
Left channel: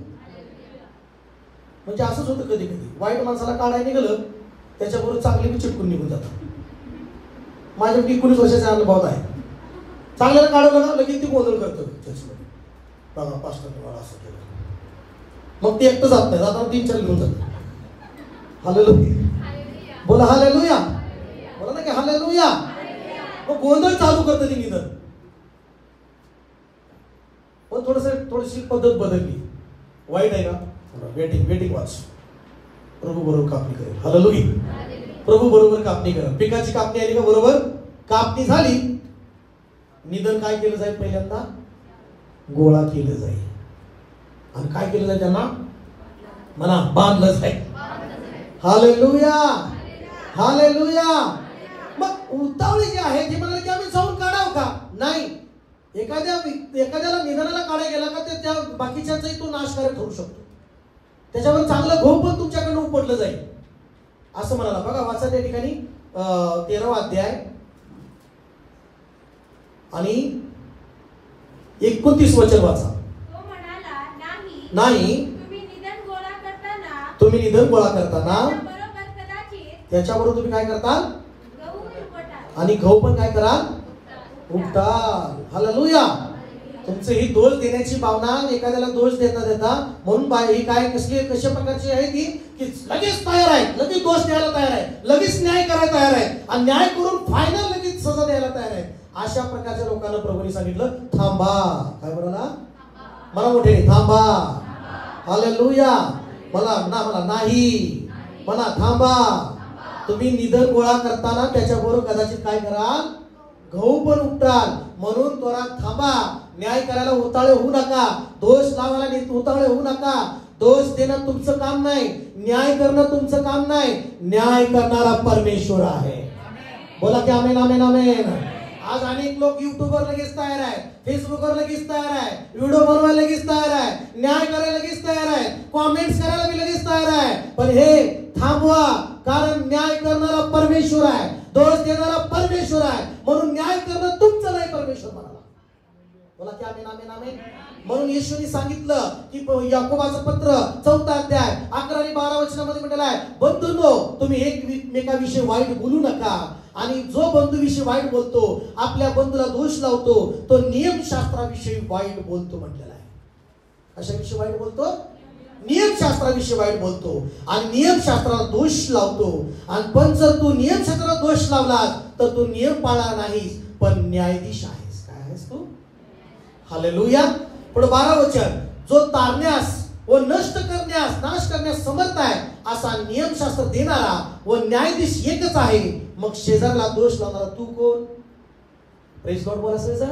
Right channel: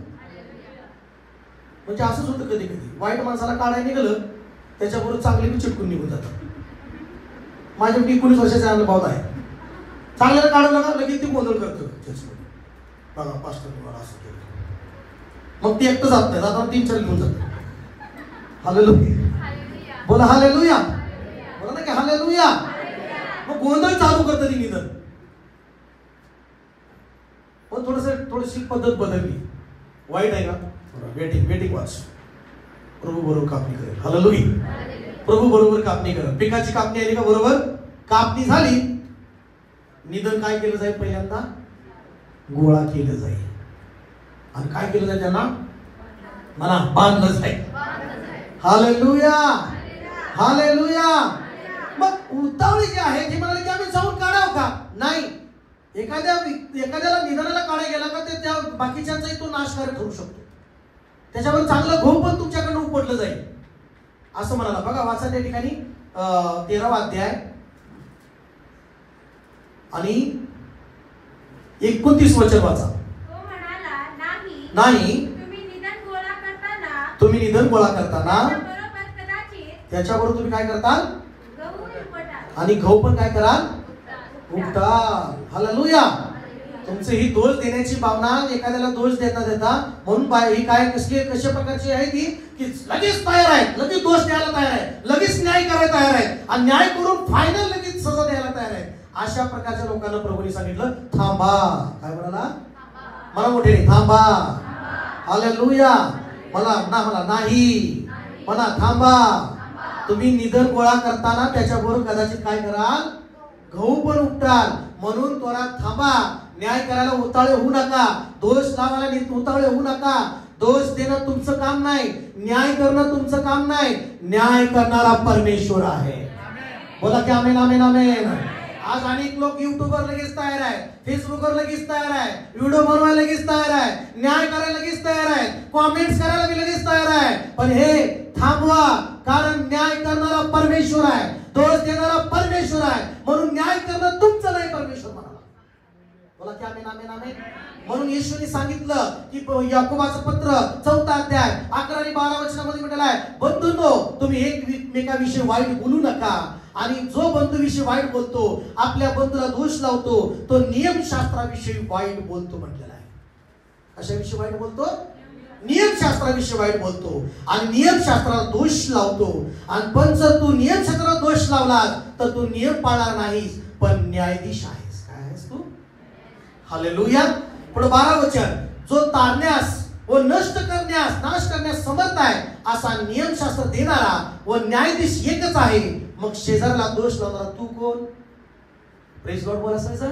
म्हणजे असंच होतं कधी कधी, वाईट माणसाला काढायला निघालं त्याच्याबरोबर चांगले बी चिटकून निघून जातात. माझ्या 19 वर्षाचा अनुभव आहे. चांगल्याला काढवलं ना लगेच ती गोंधळ करतो. बघा पास्टर तुम्हाला असं केलं, मग ते एकटं जात नाही, जाताना 3-4 घेऊन जात. हालेलुया. बोला हालेलुया. बोला ना की हालेलुया. मग गोंधळ चालू करतं ती निधन. पण थोडीशी पद्धत बदलली. वाईट आहे का, वेटिंग वॉच. प्रभू बरोबर कापणी करेल. हालेलुया. प्रभू बरोबर कापणी करेल. पिकाची कापणी आली का बरोबर कापणी झाली, निधन काय केलं जाईल, पहिल्यांदा गोळा केलं जाईल. आणि काय केलं जाईल, त्यांना मला बांधलं जाईल. हालेलुया. हालेलुया. मग उतावळी जे आहे ते म्हणाले की आम्ही जाऊन काढावं का, नाही. एखाद्याला निधनाला काढायला गेला का ते त्या बाकीच्यांचाही तो नाशकारक ठरू शकतो. त्याच्यावर चांगलं घोप पण तुमच्याकडनं उपडलं जाईल असं म्हणाला. बघा वाचा त्या ठिकाणी 13वा अध्याय आणि 29 वचन वाचा. नाही तुम्ही निधन गोळा करताना त्याच्याबरोबर तुम्ही काय करताल, आणि गहू पण काय कराल, उपटाल. हालेलुया. तुमचं ही दोष देण्याची भावना, एखाद्याला दोष देता म्हणून ही काय कशा प्रकारची आहे की लगेच तयार आहे, लगेच दोष द्यायला तयार आहे, लगेच न्याय करायला तयार आहे, आणि न्याय करून फायनल लगेच सजा द्यायला तयार आहे. अशा प्रकारच्या लोकांना प्रभूने सांगितलं थांबा. काय म्हणाला, मला मोठे थांबा. हालेलुया. मला नाही, मला थांबा. तुम्ही निधन गोळा करताना त्याच्याबरोबर कदाचित काय कराल, गहू पण उपटाल. म्हणून त्वरात थांबा, न्याय करायला उतावळे होऊ नका, दोष लावायला उतावळे होऊ नका. दोष देणं तुमचं काम नाही, न्याय करणं तुमचं काम नाही. न्याय करणारा परमेश्वर आहे. बोला की आमेन आमेन आमेन. आज अनेक लोक युट्यूबवर लगेच तयार आहे, फेसबुकवर लगेच तयार आहे, व्हिडिओ बनवायला लगेच तयार आहे, न्याय करायला लगेच तयार आहे, कमेंट्स करायला भी लगेच तयार आहे. पण हे थांबवा, कारण न्याय करणारा परमेश्वर आहे, दोष देणारा परमेश्वर आहे. म्हणून न्याय करणं तुमचं नाही, परमेश्वर म्हणाला. बोला की आमेन आमेन आमेन. म्हणून येशूने सांगितलं की याकोबाचं पत्र 4 अध्याय 11 आणि 12 वचनामध्ये म्हटलं आहे, बंधूंनो तुम्ही एकमेकांविषयी वाईट बोलू नका. आणि जो बंधूविषयी वाईट बोलतो, आपल्या बंधूला दोष लावतो, तो नियमशास्त्राविषयी वाईट बोलतो म्हटलेला आहे. कशाविषयी वाईट बोलतो? नियमशास्त्राविषयी वाईट बोलतो आणि नियमशास्त्राला दोष लावतो. आणि पण जर तू नियमशास्त्राला दोष लावलास तर तू नियम पाळणार नाहीस, पण न्यायाधीश आहेस. काय आहेस तू? हालेलुया. पुढे 12 वचन, जो तारण्यास व नष्ट करण्यास नाश करण्यास समर्थ आहे असा नियमशास्त्र देणारा व न्यायाधीश एकच आहे. मग शेजारला दोष लावणारा तू कोण? प्रेज लॉर्ड बोला सर.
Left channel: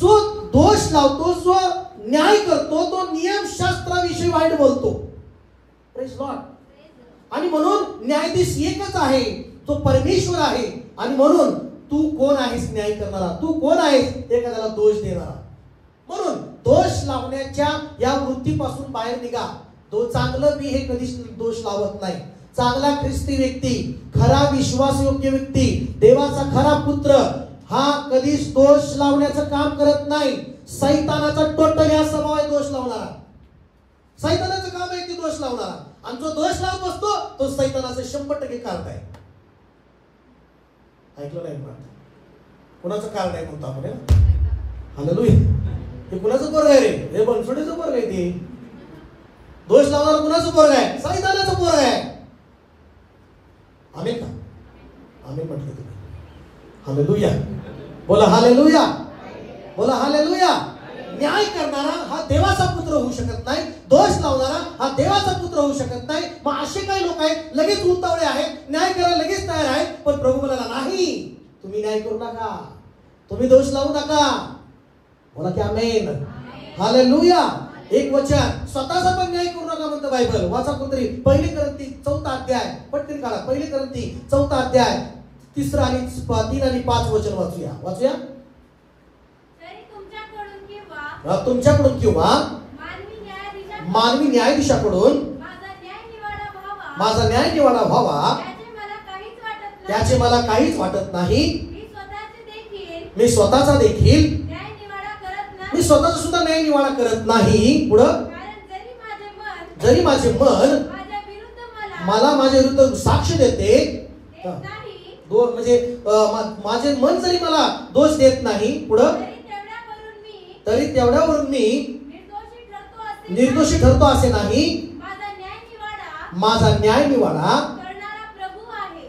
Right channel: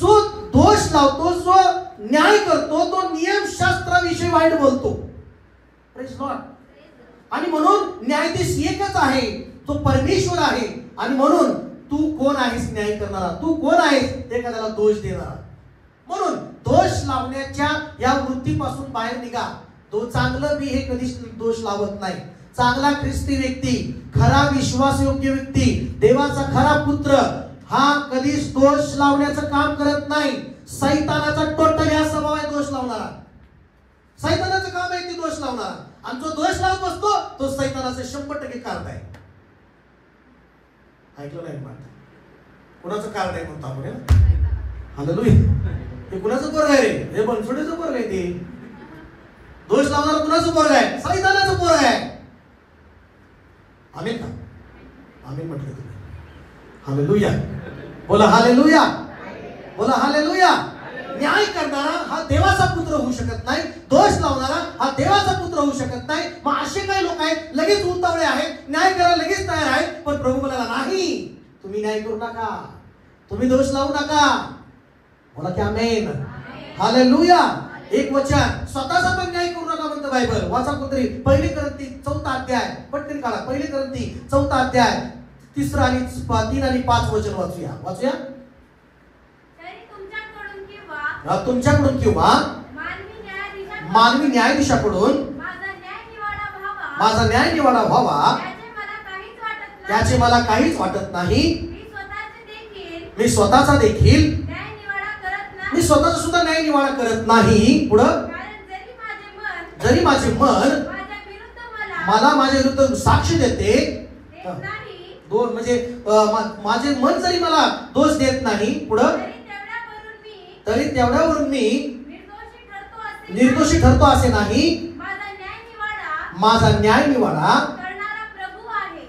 जो दोष लावतो, जो न्याय करतो, तो नियमशास्त्राविषयी वाईट बोलतो. Praise Lord. आणि म्हणून न्यायाधीश एकच आहे, तो परमेश्वर आहे. आणि म्हणून तू कोण आहेस न्याय करणारा? तू कोण आहेस एखाद्याला दोष देणारा? म्हणून दोष लावण्याच्या या वृत्तीपासून बाहेर निघा. तो चांगलं बी हे कधीच दोष लावत नाही. चांगला ख्रिस्ती व्यक्ती, खरा विश्वासयोग्य व्यक्ती, देवाचा खरा पुत्र हा कधीच दोष लावण्याचं काम करत नाही. सैतानाचा टोटल या स्वभाव आहे दोष लावणारा. सैतानाचं काम आहे की दोष लावणारा. आणि जो दोष लावत असतो तो सैतानाचं 100% कारण आहे. ऐकलं नाही का? कुणाचं कारण आहे म्हणतो आपण? हालेलुया. हे कुणाचं पोरग आहे रे? हे बनसुडीचं पोरग आहे. ते दोष लावणारा कुणाचं पोरग आहे? सैतानाचं पोरग आहे. आमेन का? आमेन म्हटलं तुम्ही. हालेलुया. बोला हालेलुया. बोला हालेलुया. न्याय करणारा हा देवाचा पुत्र होऊ शकत नाही, दोष लावणारा हा देवाचा पुत्र होऊ शकत नाही. मग असे काही लोक आहेत लगेच उतावळे आहेत, न्याय करायला लगेच तयार आहेत. पण प्रभू बोलायला नाही, तुम्ही न्याय करू नका, तुम्ही दोष लावू नका. बोला की आमेन. हालेलुया. एक वचन, स्वतःचा पण न्याय करू नका म्हणतं बायबल. वाचा कोणतरी 1 कोरिंथी 4 अध्याय, पटकन काढा. 1 कोरिंथी 4 अध्याय 3 आणि 3 आणि 5 वचन वाचूया. वाचूया. तुमच्याकडून किंवा मानवी न्यायाधीशाकडून माझा न्याय निवाडा व्हावा त्याचे मला काहीच वाटत नाही. मी स्वतःचा देखील मी स्वतःचा सुद्धा न्याय निवाडा करत नाही. पुढं, जरी माझे मन मला माझ्या विरुद्ध साक्ष देते, म्हणजे माझे मन जरी मला दोष देत नाही, पुढं, तरी तेवढ्यावरून मी निर्दोषी ठरतो असे नाही. माझा न्याय निवाडा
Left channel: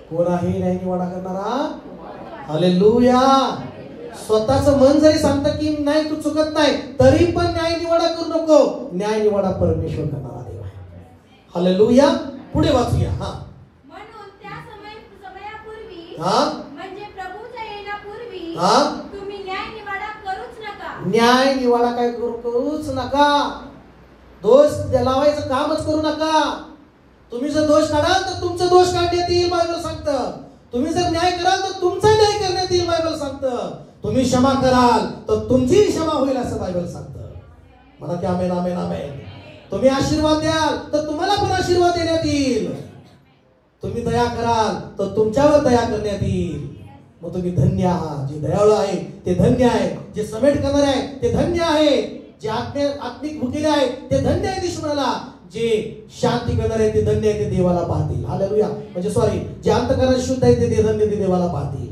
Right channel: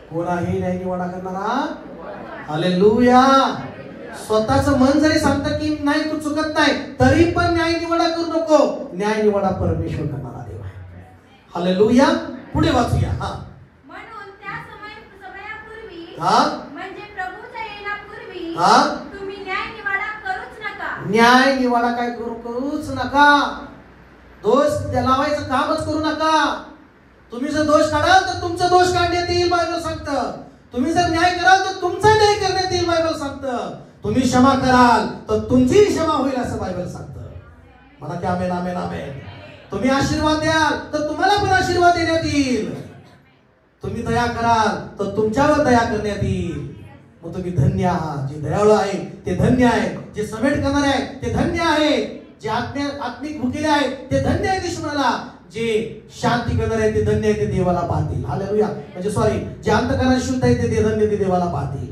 कोण आहे? न्याय निवाडा करणारा. हालेलुया. स्वतःचं मन जरी सांगतं की नाही तू चुकत नाही, तरी पण न्याय निवाडा करू नको. न्याय निवाडा परमेश्वर करणारा देव आहे. हालेलुया. पुढे वाचूया. म्हणून त्या समयापूर्वी म्हणजे प्रभूच्या येण्यापूर्वी तुम्ही न्याय निवाडा करूच नका. न्याय निवाडा काय करूच नका. दोष लावायचं कामच करू नका. तुम्ही जर दोष काढाल तर तुमचा दोष काढण्यात येईल, बायबल सांगतं. तुम्ही जर न्याय कराल तर तुमचा न्याय करण्यात येईल, बायबल सांगतं. तुम्ही क्षमा कराल तर तुमची क्षमा होईल, असं बायबल सांगतं. मला की आमेन आमेन आमेन. तुम्ही आशीर्वाद द्याल तर तुम्हाला पण आशीर्वाद देण्यात येईल. तुम्ही दया कराल तर तुमच्यावर दया करण्यात येईल. मग तुम्ही धन्य आहात. जे दयाळू आहे ते धन्य आहे. जे समेट करणारे आहे ते धन्य आहे. जे आत्मिक भुकेले आहे ते धन्य आहे ईश्वराला. जे शांती करणारे आहे ते धन्य आहे, ते देवाला पाहतील. हालेलुया. म्हणजे सॉरी, जे अंतःकरण शुद्ध आहे ते धन्य, ते देवाला पाहतील.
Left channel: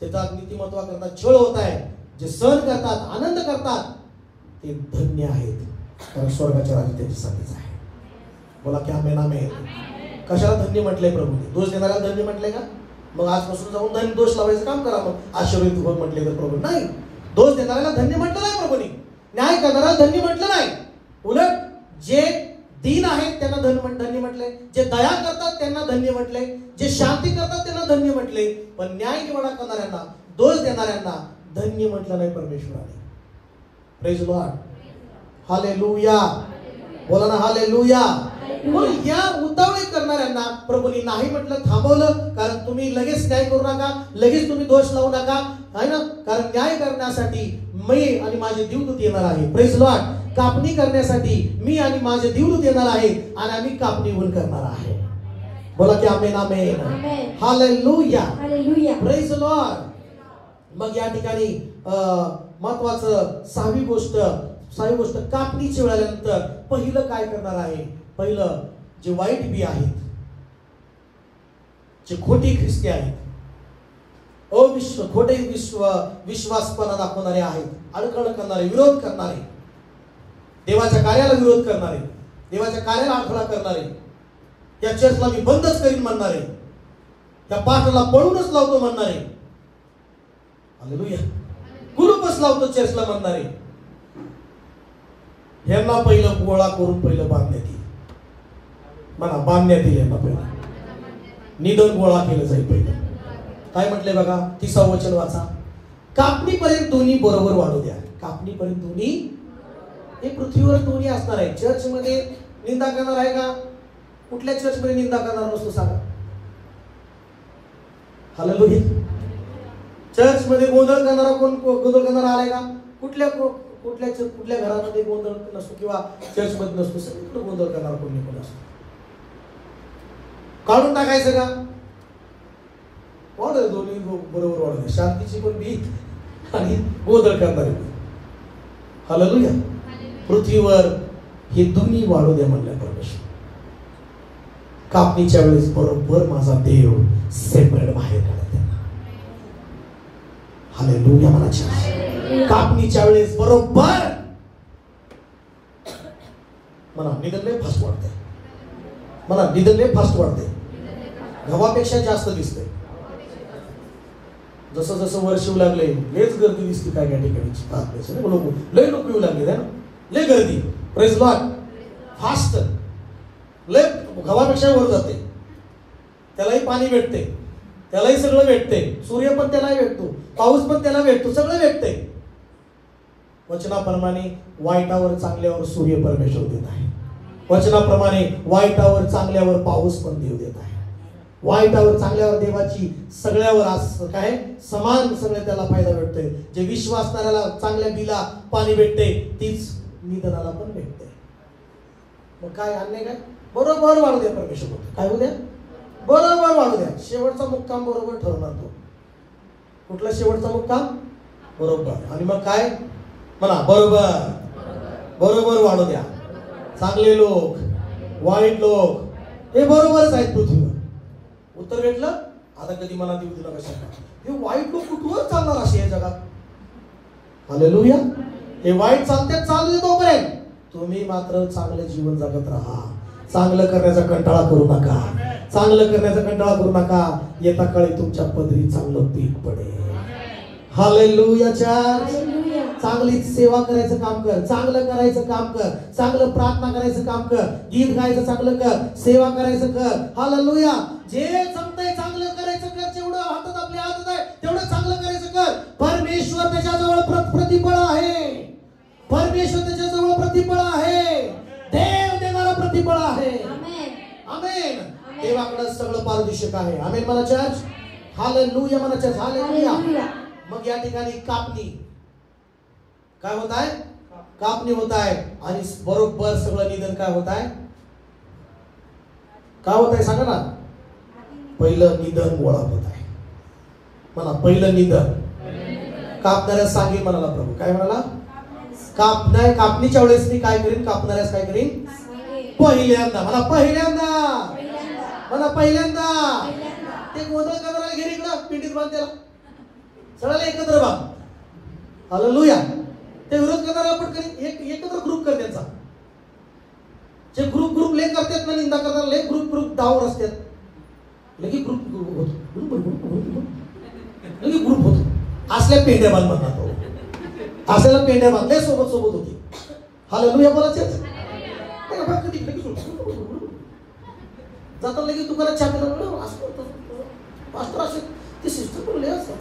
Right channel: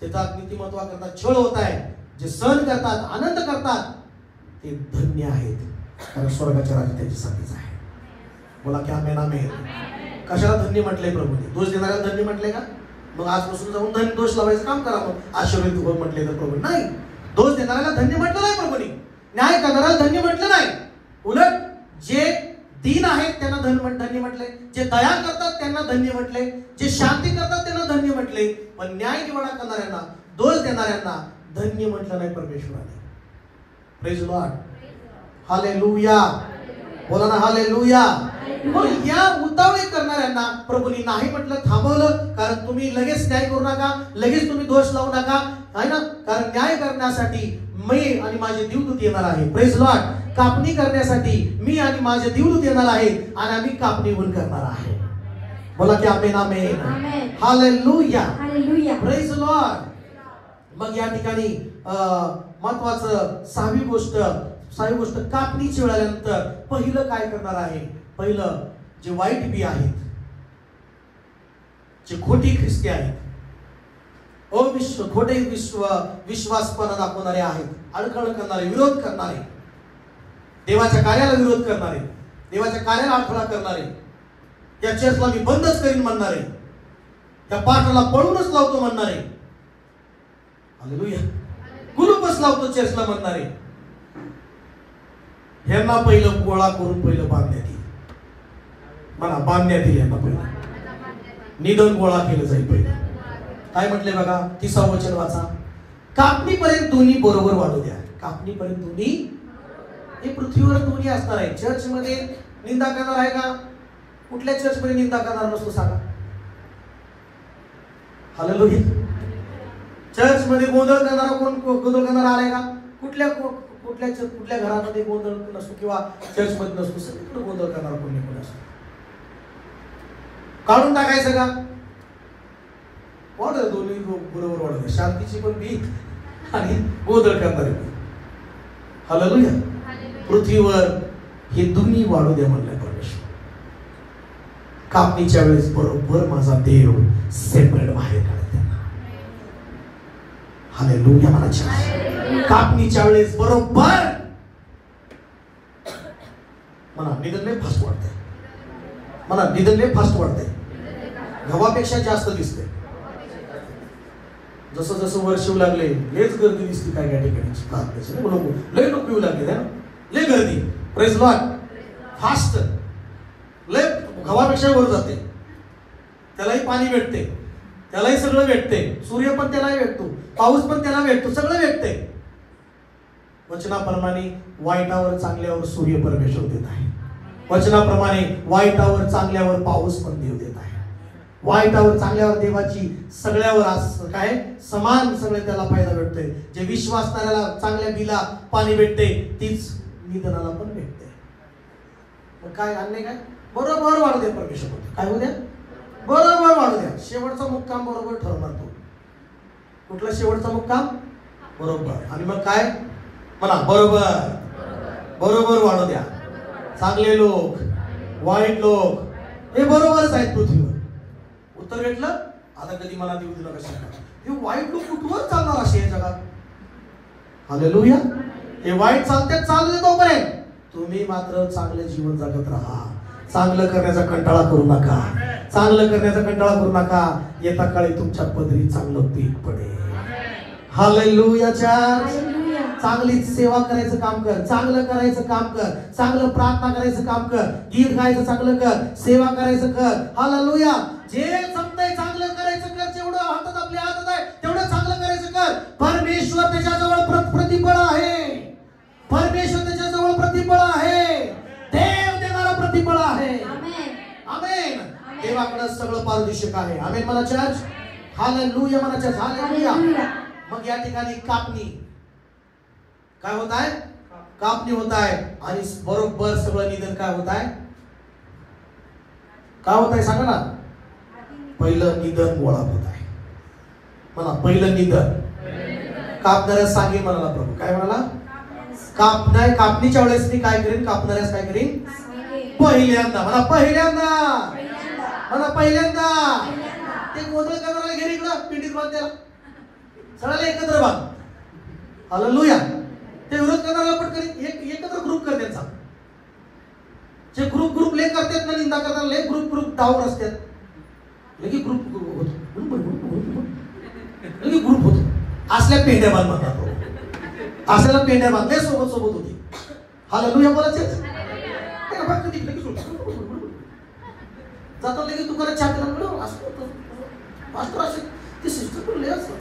त्याच्यात नीतिमत्वा करतात, छळ होत आहे, जे सहन करतात, आनंद करतात, ते धन्य आहेत, कारण स्वर्गाचे राज्य त्यांच्यासाठीच आहे. बोला की आमेन आमेन. कशाला धन्य म्हटलंय प्रभूने? दोष देणाऱ्याला धन्य म्हटलंय का? मग आजपासून जाऊन धन्य दोष लावायचं काम करा. मग आशीर्वादित हो म्हटले तर प्रभू नाही. दोष देणाऱ्याला धन्य म्हटलं नाही प्रभूने. न्याय करणाऱ्याला धन्य म्हटलं नाही. उलट जे दीन आहेत त्यांना धन्य म्हटले, जे दया करतात त्यांना धन्य म्हटले, जे शांती करतात त्यांना धन्य म्हटले, पण न्याय निवाडा करणाऱ्यांना, दोष देणाऱ्यांना धन्य म्हटलं नाही परमेश्वराने. Praise lord, hallelujah. बोला ना हालेलुया. मग या उतावळे करणाऱ्यांना प्रभूंनी नाही म्हटलं, थांबवलं. कारण तुम्ही लगेच न्याय करू नका, लगेच तुम्ही दोष लावू नका, आहे ना. कारण न्याय करण्यासाठी मी आणि माझे देवदूत येणार आहे. Praise Lord. कापणी करण्यासाठी मी आणि माझे देवदूत येणार आहे आणि आम्ही कापणी गुण करणार आहे. बोला की आमेन आमेन. हालेलुया. Praise Lord. मग या ठिकाणी महत्वाचं सहावी गोष्ट कापणीची वेळ आल्यानंतर पहिलं काय करणार आहे. पहिलं जे वाईट बी आहेत, जे खोटी ख्रिस्ती आहेत, खोटे विश्वासपणा दाखवणारे आहेत, अडकळ करणारे, विरोध करणारे, देवाच्या कार्याला विरोध करणारे, देवाच्या कार्याला अडथळा करणारे, त्या चर्चला मी बंदच करीन म्हणणारे, त्या पाठाला पळूनच लावतो म्हणणारे, हालेलुया, कुलूपच लावतो चर्चला म्हणणारे, ह्यांना पहिलं गोळा करून पहिलं बांधण्यात येईल. मला बांधण्यात येईल. ह्यांना पहिलं निधन गोळा केलं जाईल. पहिलं काय म्हटलंय बघा, 30व वचन वाचा. कापणीपर्यंत दोन्ही बरोबर वाढू द्या. कापणीपर्यंत दोन्ही, हे पृथ्वीवर दोन्ही असणार आहे. चर्च मध्ये निंदा करणार आहे का? कुठल्या चर्च मध्ये निंदा करणार नसतो सांगा? हालेलुया. चर्च मध्ये गोंधळ करणारा कोण? गोंधळ करणारा आलाय का? कुठल्या घरामध्ये गोंधळ नसतो किंवा चर्च मध्ये नसतो. सगळीकडे गोंधळ करणारा कोणी पण असतो. काढून टाकायचं का? वाढ दोन्ही बरोबर वाढ, शांतीची पण भीत आणि गोंधळ करणारे. हालेलुया. पृथ्वीवर हे दोन्ही वाढू द्या म्हणलं परमेश्वर. कापणीच्या वेळेस बरोबर माझा देव सेपरेट बाहेर काढत. हालेलुया. मला कापणीच्या वेळेस बरोबर मला निधनले फास्ट वाटते. मला निधनले फास्ट वाटते. गव्हापेक्षा जास्त दिसते. जसं जसं वर्ष येऊ लागले लेच गर्दी दिसते. काय काय ठिकाणी लय लोक येऊ लागले, लय गर्दी. Praise Lord. फास्ट लय गव्हापेक्षा वर जाते. त्यालाही पाणी भेटते, त्यालाही सगळं भेटते. सूर्य पण त्याला भेटतो, पाऊस पण त्याला भेटतो, सगळं भेटते. वचनाप्रमाणे वाईटावर चांगल्यावर सूर्य परमेश्वर देत आहे. वचनाप्रमाणे वाईटावर चांगल्यावर पाऊस पण देव देत आहे. वाईटावर चांगल्यावर देवाची सगळ्यावर काय समान सगळे त्याला फायदा भेटतोय. जे विश्वासणाऱ्याला चांगल्या बिला पाणी भेटते, तीच निधनाला पण भेटते. मग काय अन्याय काय? बरोबर वाढू द्या परमेश्वर. काय होऊ द्या? बरोबर वाढू द्या. शेवटचा मुक्काम बरोबर ठरवणार तो. कुठला शेवटचा मुक्काम? बरोबर. आणि मग काय म्हणा? बरोबर बरोबर वाढू द्या. चांगले लोक, वाईट लोक हे बरोबरच आहेत पृथ्वीवर. उत्तर भेटलं. आता कधी मला देऊ दिला कशा? हे वाईट लोक कुठवर चालणार असे या जगात? हालेलुया. हे वाईट चालते चालू दे तोपर्यंत. तुम्ही मात्र चांगले जीवन जगत राहा. चांगलं करण्याचा कंटाळा करू नका. चांगलं करण्याचा कंटाळा करू नका. येता काळी तुमच्या पदरी चांगलं पीक पडेल. हालेलुया. चांगली सेवा करायचं काम कर, चांगलं करायचं काम कर, चांगलं प्रार्थना करायचं काम कर, गीत गायचं चांगलं कर, सेवा करायचं कर. हालेलुया. जे जमतंय चांगलं करायचं कर. जेवढं हातात आपल्या हातात आहे तेवढं चांगलं करायचं कर. परमेश्वर त्याच्याजवळ प्रतिफळ आहे. परमेश्वर त्याच्याजवळ प्रतिफळ आहे. देव देणारा प्रतिफळ आहे. आमेन. देवाकडे सगळं पारदर्शक आहे. आमेन मला चर्च. हालेलुया मला चर्च. हालेलुया. मग या ठिकाणी कापणी काय होत आहे? कापणी होत आहे. आणि बरोबर सगळं निधन काय होत आहे? काय होत आहे सांगा ना? पहिलं निधन गोळा होत आहे. मला पहिलं निधन कापणाऱ्यास सांगेन म्हणाला प्रभू. काय म्हणाला? कापणीच्या वेळेस मी काय करीन? कापणाऱ्यास काय करीन? पहिल्यांदा. मला पहिल्यांदा. मला पहिल्यांदा. ते गोंधळ करणाऱ्याला घे इकडं पिंडीत बांध. त्याला सगळ्याला एकत्र बांध. हालेलुया. ते विरोध करणाऱ्याला पटकन एकत्र ग्रुप कर त्यांचा. जे ग्रुप ले करतात ना निंदा करतात, ले ग्रुप डावर असतात. लगे ग्रुप होतो. असल्या पेंड्या बांध म्हणतात. असल्याला पेंड्या बांधले सोबत होती. हालेलुया बोलायचं. कधी लगेच जाता लगेच दुकानात चहा पिला पास्टर असे ते सिस्टर बोलले असतात.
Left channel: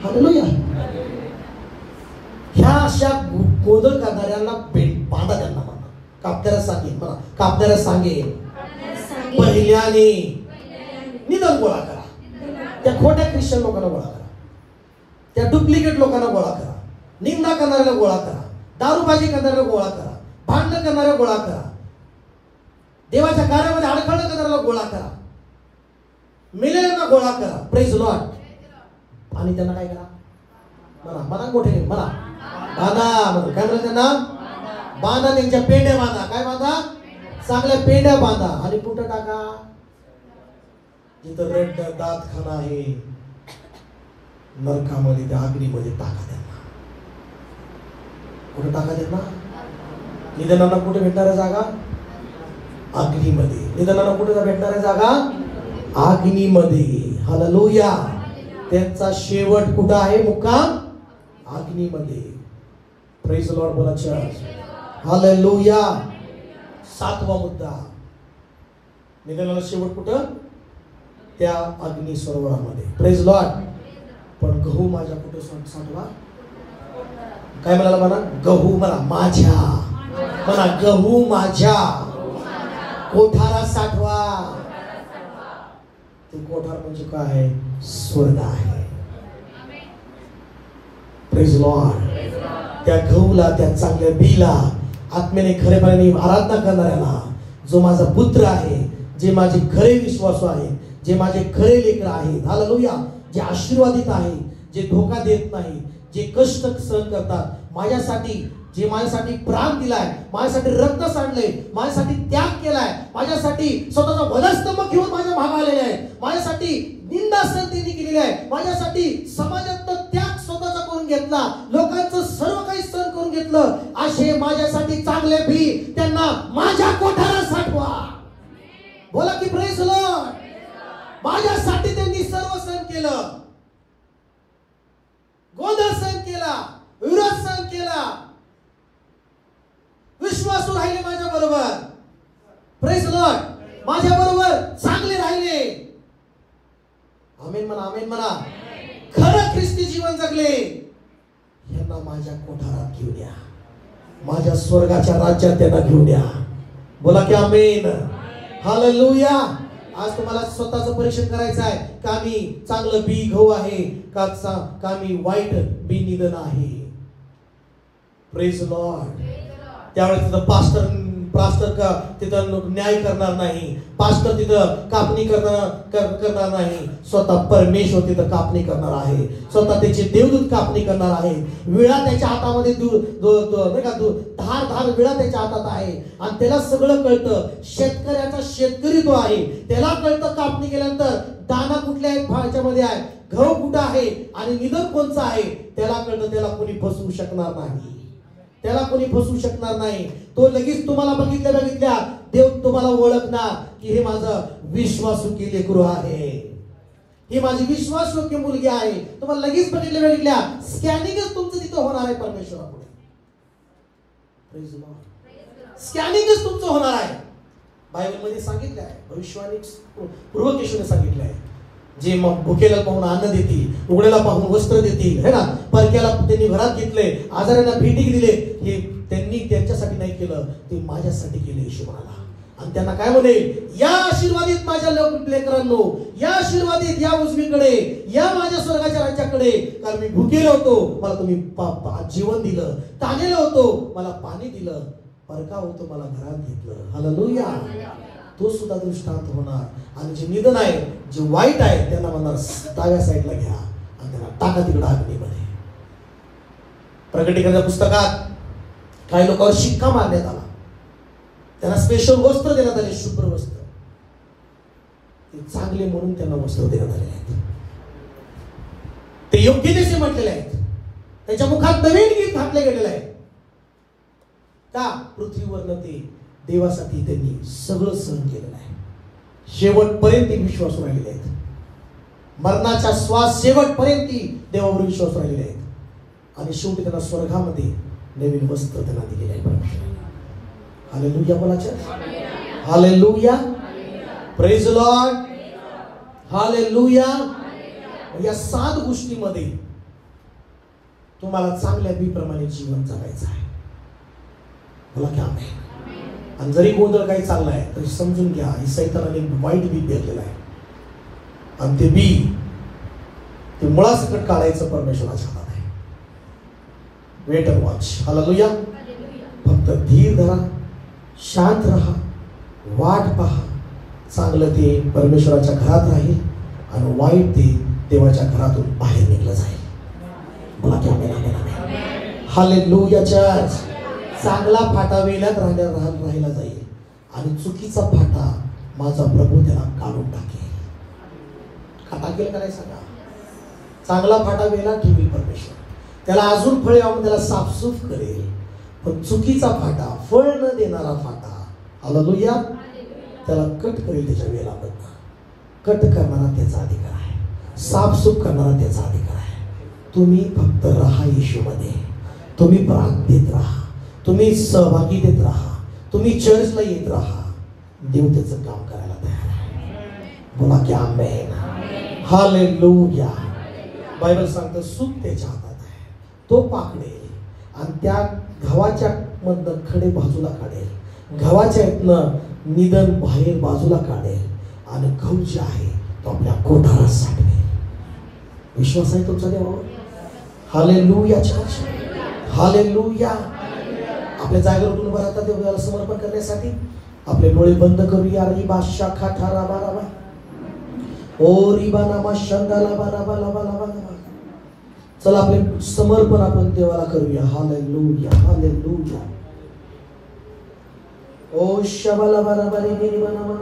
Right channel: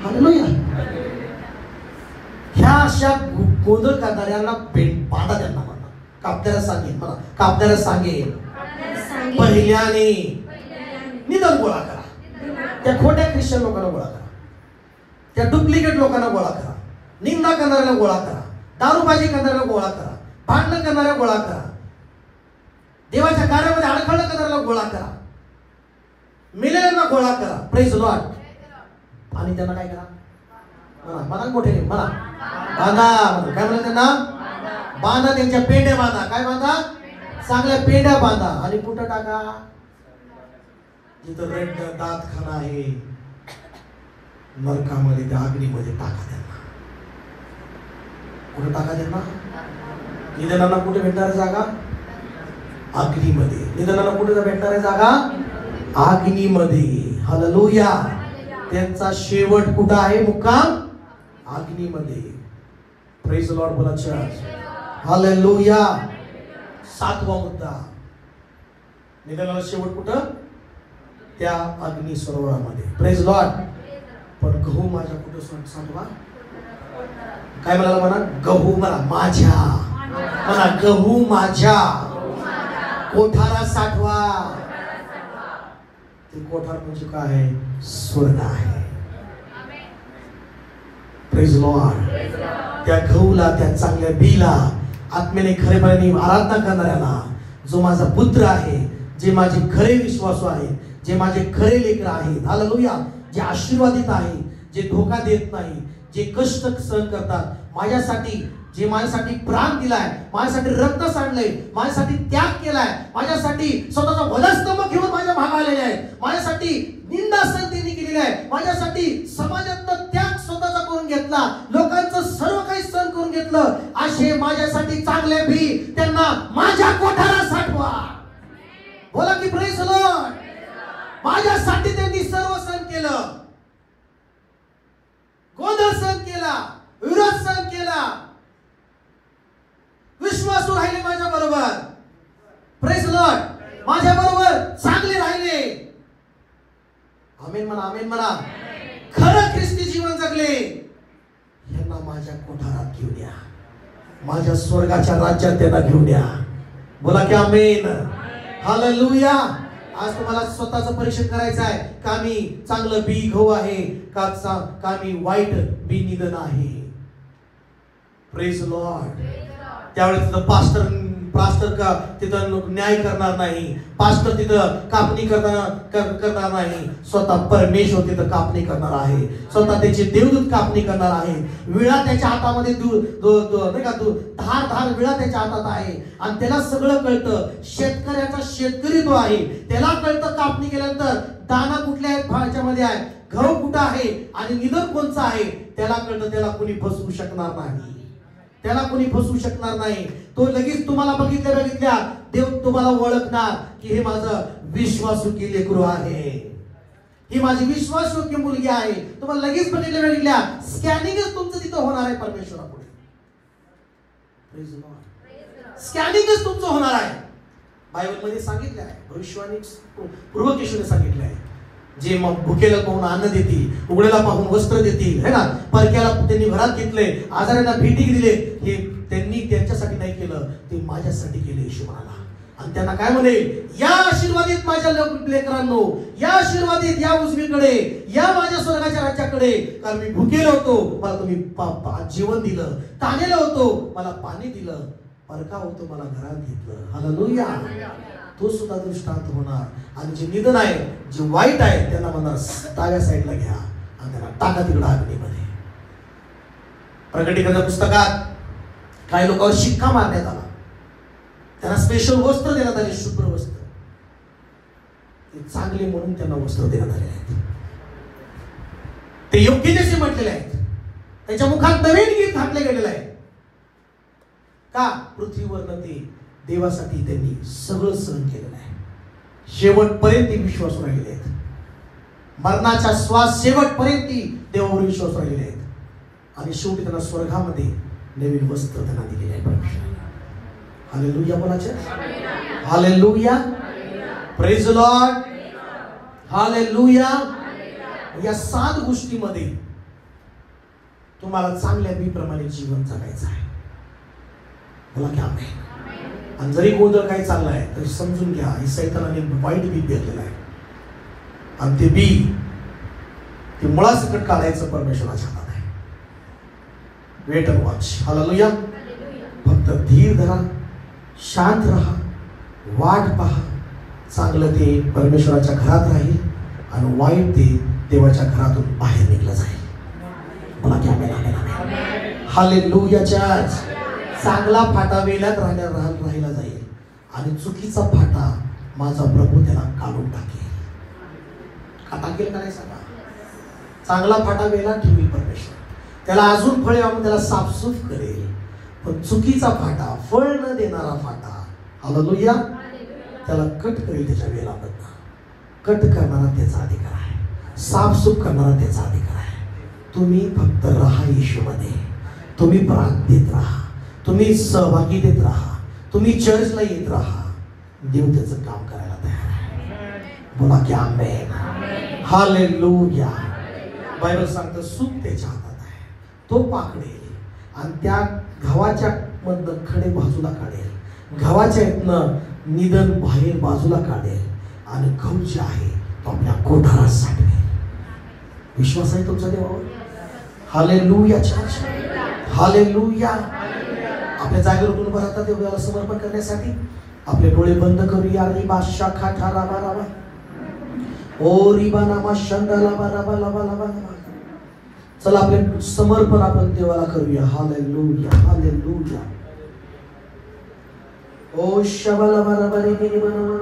हालेलुया. ह्या अशा गोंधळ करणाऱ्यांना बाधा त्यांना कापल्याला सांगेल, कापल्याला सांगेल पहिल्याने निधन गोळा करा. त्या खोट्या ख्रिश्चन लोकांना गोळा करा, त्या डुप्लिकेट लोकांना गोळा करा, निंदा करणाऱ्याला गोळा करा, दारूबाजी करणाऱ्याला गोळा करा, भांडण करणाऱ्याला गोळा करा, देवाच्या कार्यामध्ये अडथळा करणाऱ्याला गोळा करा, मेलेल्यांना गोळा करा. Praise Lord. आणि त्यांना काय करा? मला मोठे मला बांधा. काय म्हणा त्यांना? बांधा. त्यांच्या पेंड्या बांधा. काय बांधा? चांगल्या पेंड्या बांधा. आणि कुठं टाका? जिथं रड दात खाना आहे नरकामध्ये, त्या अग्नीमध्ये टाका त्यांना. कुठं टाका त्यांना? निधनांना कुठे भेटणार आहे जागा? अग्नीमध्ये. निधनांना कुठे भेटणार आहे जागा? अग्नीमध्ये. हालेलुया. त्यांचा शेवट कुठं आहे? मुक्काम अग्नीमध्ये. Praise lord. बोला चर्च. हालेलुया. 7वा मुद्दा, निधनाला शेवट कुठं? त्या अग्नी सरोवरामध्ये. Praise Lord. पण गहू माझ्या कुठं साठवा? काय म्हणाला? म्हणा गहू मला माझ्या, म्हणा गहू माझ्या कोठारा साठवा. ते कोठार म्हणजे काय? स्वर्ग आहे. Praise Lord. त्या गहूला, त्या चांगल्या बीला, आत्म्याने खरेपणाने आराधना करणाऱ्याला, जो माझा पुत्र आहे, जे माझे खरे विश्वासू आहेत, जे माझे खरे लेकर आहेत, हालेलुया, जे आशीर्वादित आहेत, जे धोका देत नाही, जे कष्ट सहन करतात माझ्यासाठी, जे माझ्यासाठी प्राण दिलाय, माझ्यासाठी रक्त सांडलंय, माझ्यासाठी त्याग केलाय, माझ्यासाठी स्वतःचा वधस्तंभ घेऊन माझ्या भाग आलेले आहेत, माझ्यासाठी निंदा सहन त्यांनी केलेली आहे, माझ्यासाठी समाजातला त्याग स्वतःचा करून घेतला, लोकांचं सर्व काही सहन करून घेतलं. असे माझ्यासाठी चांगले भी त्यांना माझ्या कोठारात साठवा. बोला की प्रेज लॉर्ड. माझ्यासाठी त्यांनी सर्व सहन केलं, गोंधळ सहन केला, विरोध सहन केला, विश्वासू राहिले माझ्या बरोबर. Praise Lord. माझ्या बरोबर चांगले राहिले. आमेन म्हणा. आमेन म्हणा. खरं ख्रिस्ती जीवन जगले. यांना माझ्या कोठारात घेऊन या, माझ्या स्वर्गाच्या राज्यात त्यांना घेऊन या. बोला की आमेन. हालेलुया. आज तुम्हाला स्वतःचं परीक्षण करायचं आहे का मी चांगलं बी गहू आहे का मी वाईट बी निधन आहे. Praise Lord. त्यावेळेस तिथं पास्टर का तिथं न्याय करणार नाही, पास्टर तिथं कापणी करणार नाही, स्वतः परमेश्वर तिथं कापणी करणार आहे, स्वतः त्याचे देवदूत कापणी करणार आहे. विळा त्याच्या हातामध्ये धार विळा त्याच्या हातात आहे आणि त्याला सगळं कळतं. शेतकऱ्याचा शेतकरी तो आहे, त्याला कळतं कापणी केल्यानंतर दाना कुठल्या आहेत, भाज्यामध्ये आहे, गहू कुठं आहे आणि निधन कोणचं आहे त्याला कळतं. त्याला कोणी फसवू शकणार नाही, त्याला कोणी फसवू शकणार नाही. तो लगेच तुम्हाला बघितल्या देव तुम्हाला ओळखणार की हे माझं विश्वासू लेकरू आहे, ही माझी विश्वासयोग्य मुलगी आहे. तुम्हाला लगेच बघितल्या स्कॅनिंगच तुमचं तिथं होणार आहे परमेश्वरापुढे. स्कॅनिंगच तुमचं होणार आहे. बायबल मध्ये सांगितलं आहे, भविष्यवाणी पूर्वकेशने सांगितलं आहे, जे मग भुकेला पाहून अन्न देतील, उघड्याला पाहून वस्त्र देतील, है ना, परक्याला त्यांनी घरात घेतले, आजाऱ्यांना भेटी दिले, हे त्यांनी त्यांच्यासाठी नाही केलं, ते माझ्यासाठी केले येशू म्हणाला. आणि त्यांना काय म्हणेल, या आशीर्वादित माझ्या लेकरांनो, या आशीर्वादित या उजवीकडे, या माझ्या स्वर्गाच्या राज्याकडे. कारण मी भुकेलो होतो, मला तुम्ही जीवन दिलं, तानेलो होतो, मला पाणी दिलं, परका होतो, मला घरात घेतलं. हालेलुया. तो सुद्धा दृष्टांत होणार. आणि जे निधन आहे, जे वाईट आहे, त्यांना म्हणणार डाव्या साईडला घ्या आणि त्यांना टाका तिकडे अग्नीमध्ये. प्रकटीकरणाच्या पुस्तकात काही लोकांवर शिक्का मारण्यात आला, त्यांना स्पेशल वस्त्र देण्यात आले, शुभ्र वस्त्र. ते चांगले म्हणून त्यांना वस्त्र देण्यात आले आहेत, ते योग्यतेचे म्हटलेले आहेत, त्यांच्या मुखात नवीन गीत घातले गेलेले आहे. का? पृथ्वीवरनं ते देवासाठी त्यांनी सगळं सहन केलेलं आहे. शेवटपर्यंत विश्वास राहिलेले आहेत, मरणाच्या श्वास शेवटपर्यंत देवावर विश्वास राहिलेले आहेत. आणि शेवटी त्यांना स्वर्गामध्ये नवीन वस्त्र त्यांना दिलेले आहे. हालेलुया बोलायचे, hallelujah, praise the Lord, hallelujah. या 7 गोष्टीमध्ये तुम्हाला चांगल्या बीप्रमाणे जीवन जगायचं आहे. बोला की आमेन. आणि जरी गोंधळ काही चाललाय तरी समजून घ्या, ही सैतानाने वाईट बी पेरलेलं आहे आणि ते बी ते मुळासकट काढायचं परमेश्वराच्या हातात आहे. Wait and watch. हालेलुया. फक्त धीर धरा, शांत राहा, वाट पहा. चांगलं ते परमेश्वराच्या घरात राहील आणि वाईट ते देवाच्या घरातून बाहेर निघलं जाईल. बोला की आमेन. Hallelujah church. चांगला फाटा वेलात राहिला जाईल आणि चुकीचा फाटा माझा प्रभू त्याला काढून टाकेल. का टाकेल काय सांगा? चांगला फाटा वेला ठेवी परमेश्वर, त्याला अजून फळे आणून त्याला साफसूफ करेल. पण चुकीचा फाटा, फळ न देणारा फाटा, हालेलुया, त्याला कट करेल. त्याच्या वेळेला कट करणारा त्याचा अधिकार आहे, साफसूफ करणारा त्याचा अधिकार आहे. तुम्ही फक्त राहा येशूमध्ये, तुम्ही प्रार्थनेत राहा, तुम्ही सहभागी देत राहा, तुम्ही चर्चला येत राहा. देव त्याचं काम करायला तयार आहे. बोला की आमेन. हालेलुया. बायबल सांगतं सुख त्याच्या हातात आहे, तो पाकडेल आणि त्या गव्हाच्या मधनं खडे बाजूला काढेल, गव्हाच्या इथनं निधन बाहेर बाजूला काढेल आणि गहू जे आहे तो आपल्या कोठारात साठवेल. विश्वास आहे तुमचा देवावर? Hallelujah church, hallelujah. आपल्या जागेवर उभं राहतात देवाला समर्पण करण्यासाठी. आपले डोळे बंद करूया. रिबा शाखा ठारा बाराबा ओ रिबा नामा शंदाला बाराबा लाबा लाबा. चला आपले समर्पण आपण देवाला करूया. Hallelujah, hallelujah. ओ शबाला बाराबा रे रिबा नामा.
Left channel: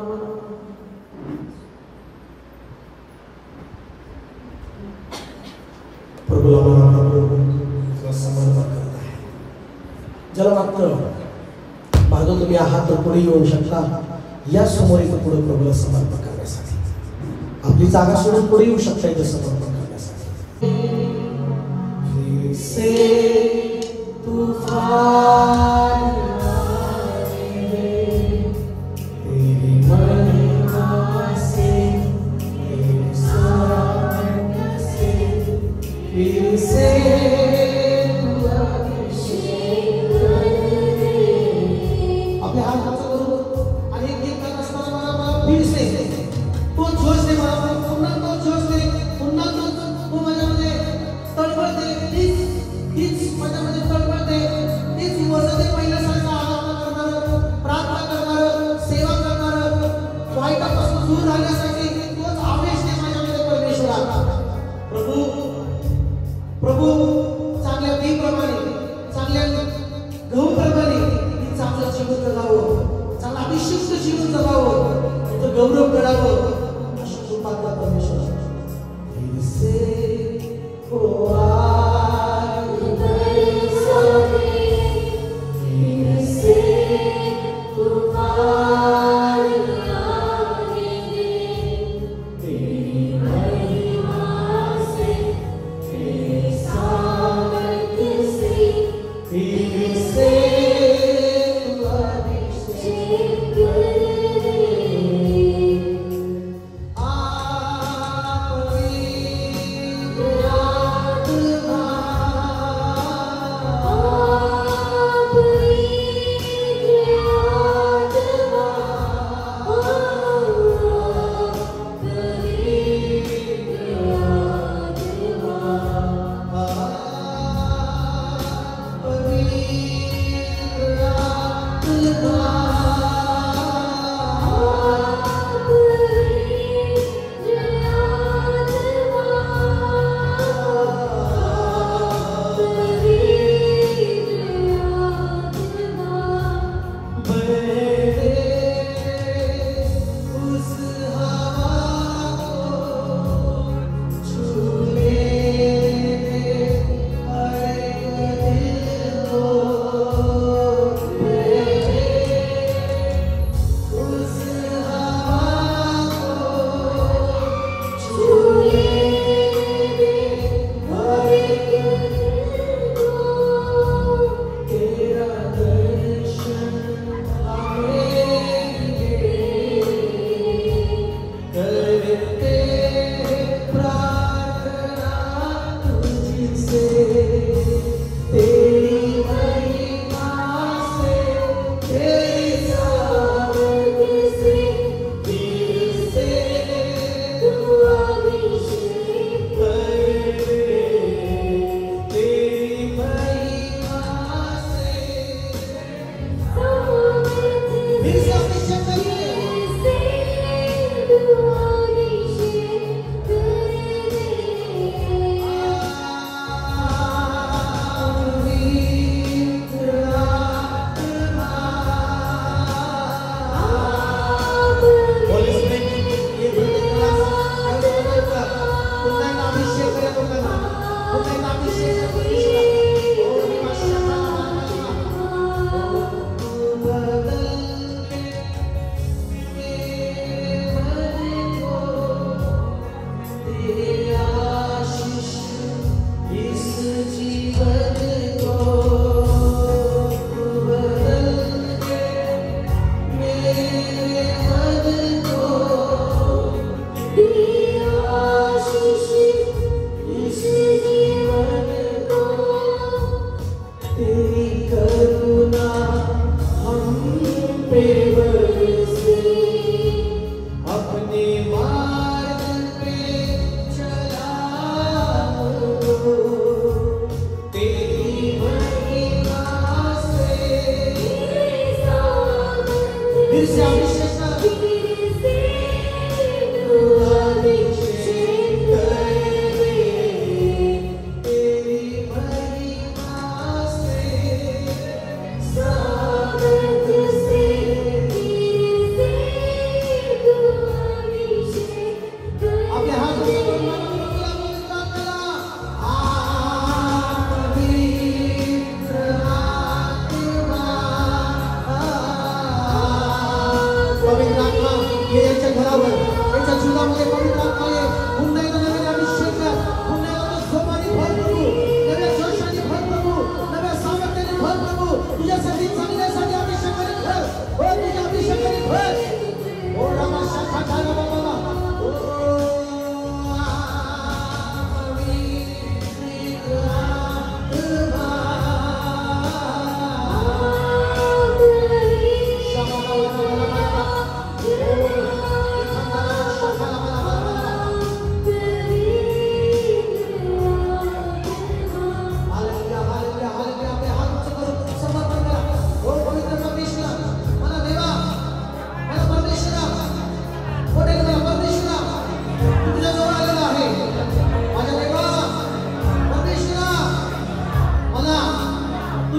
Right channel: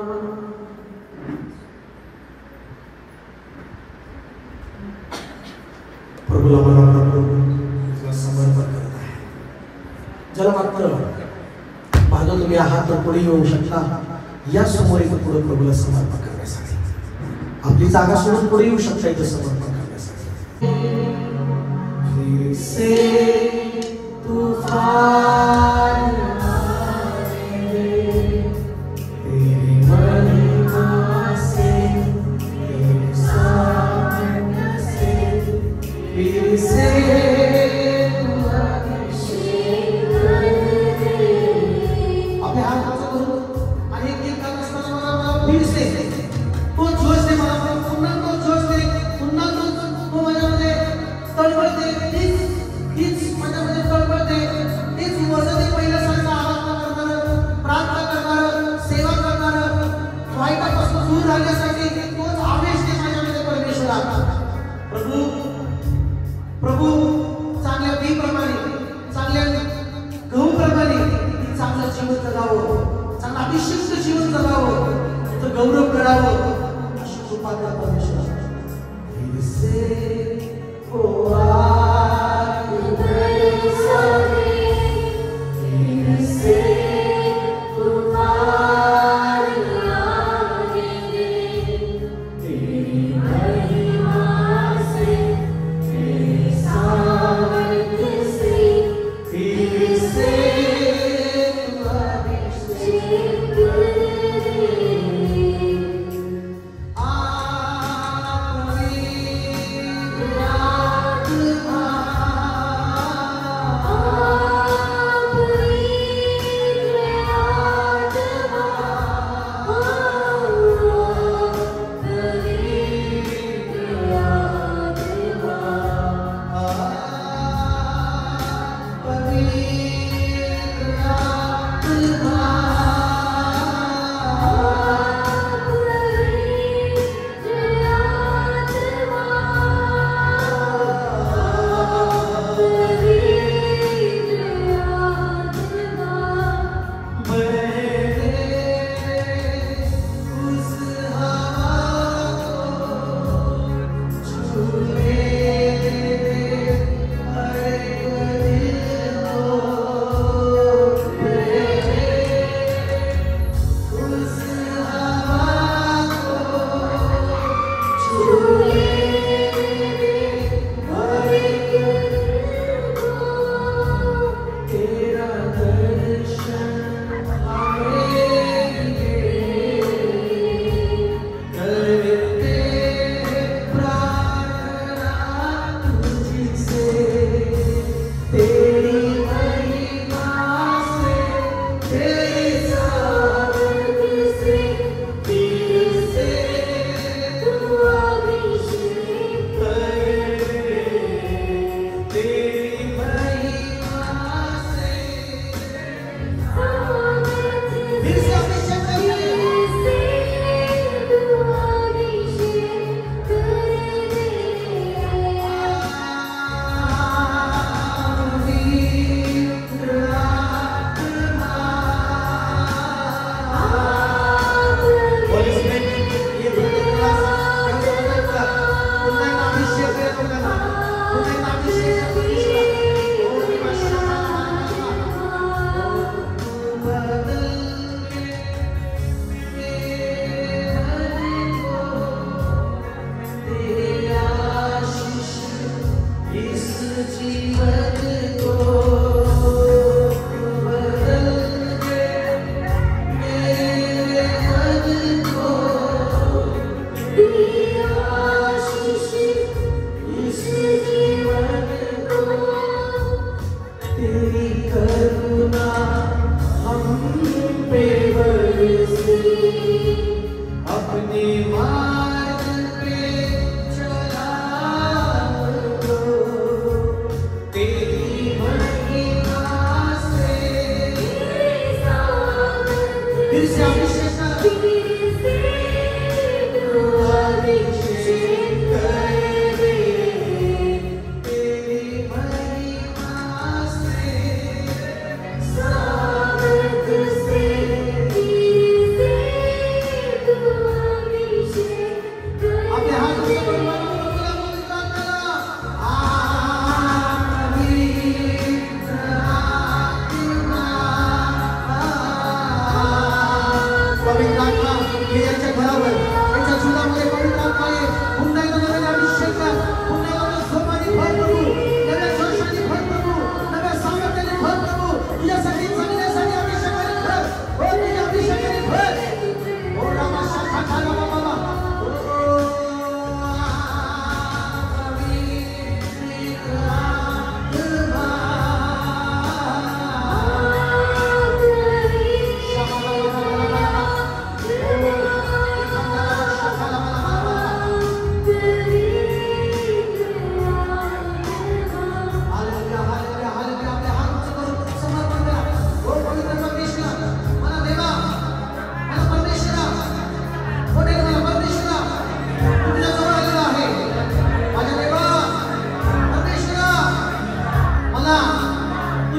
प्रभूला म्हणा, प्रभू समर्पण करत आहे. ज्याला वाटतं माझं तुम्ही आहात तर पुढे येऊ शकता. या समोर इथं पुढे प्रभूला समर्पण करण्यासाठी आपली जागा सोडून पुढे येऊ शकता इथे समर्पण करण्यासाठी.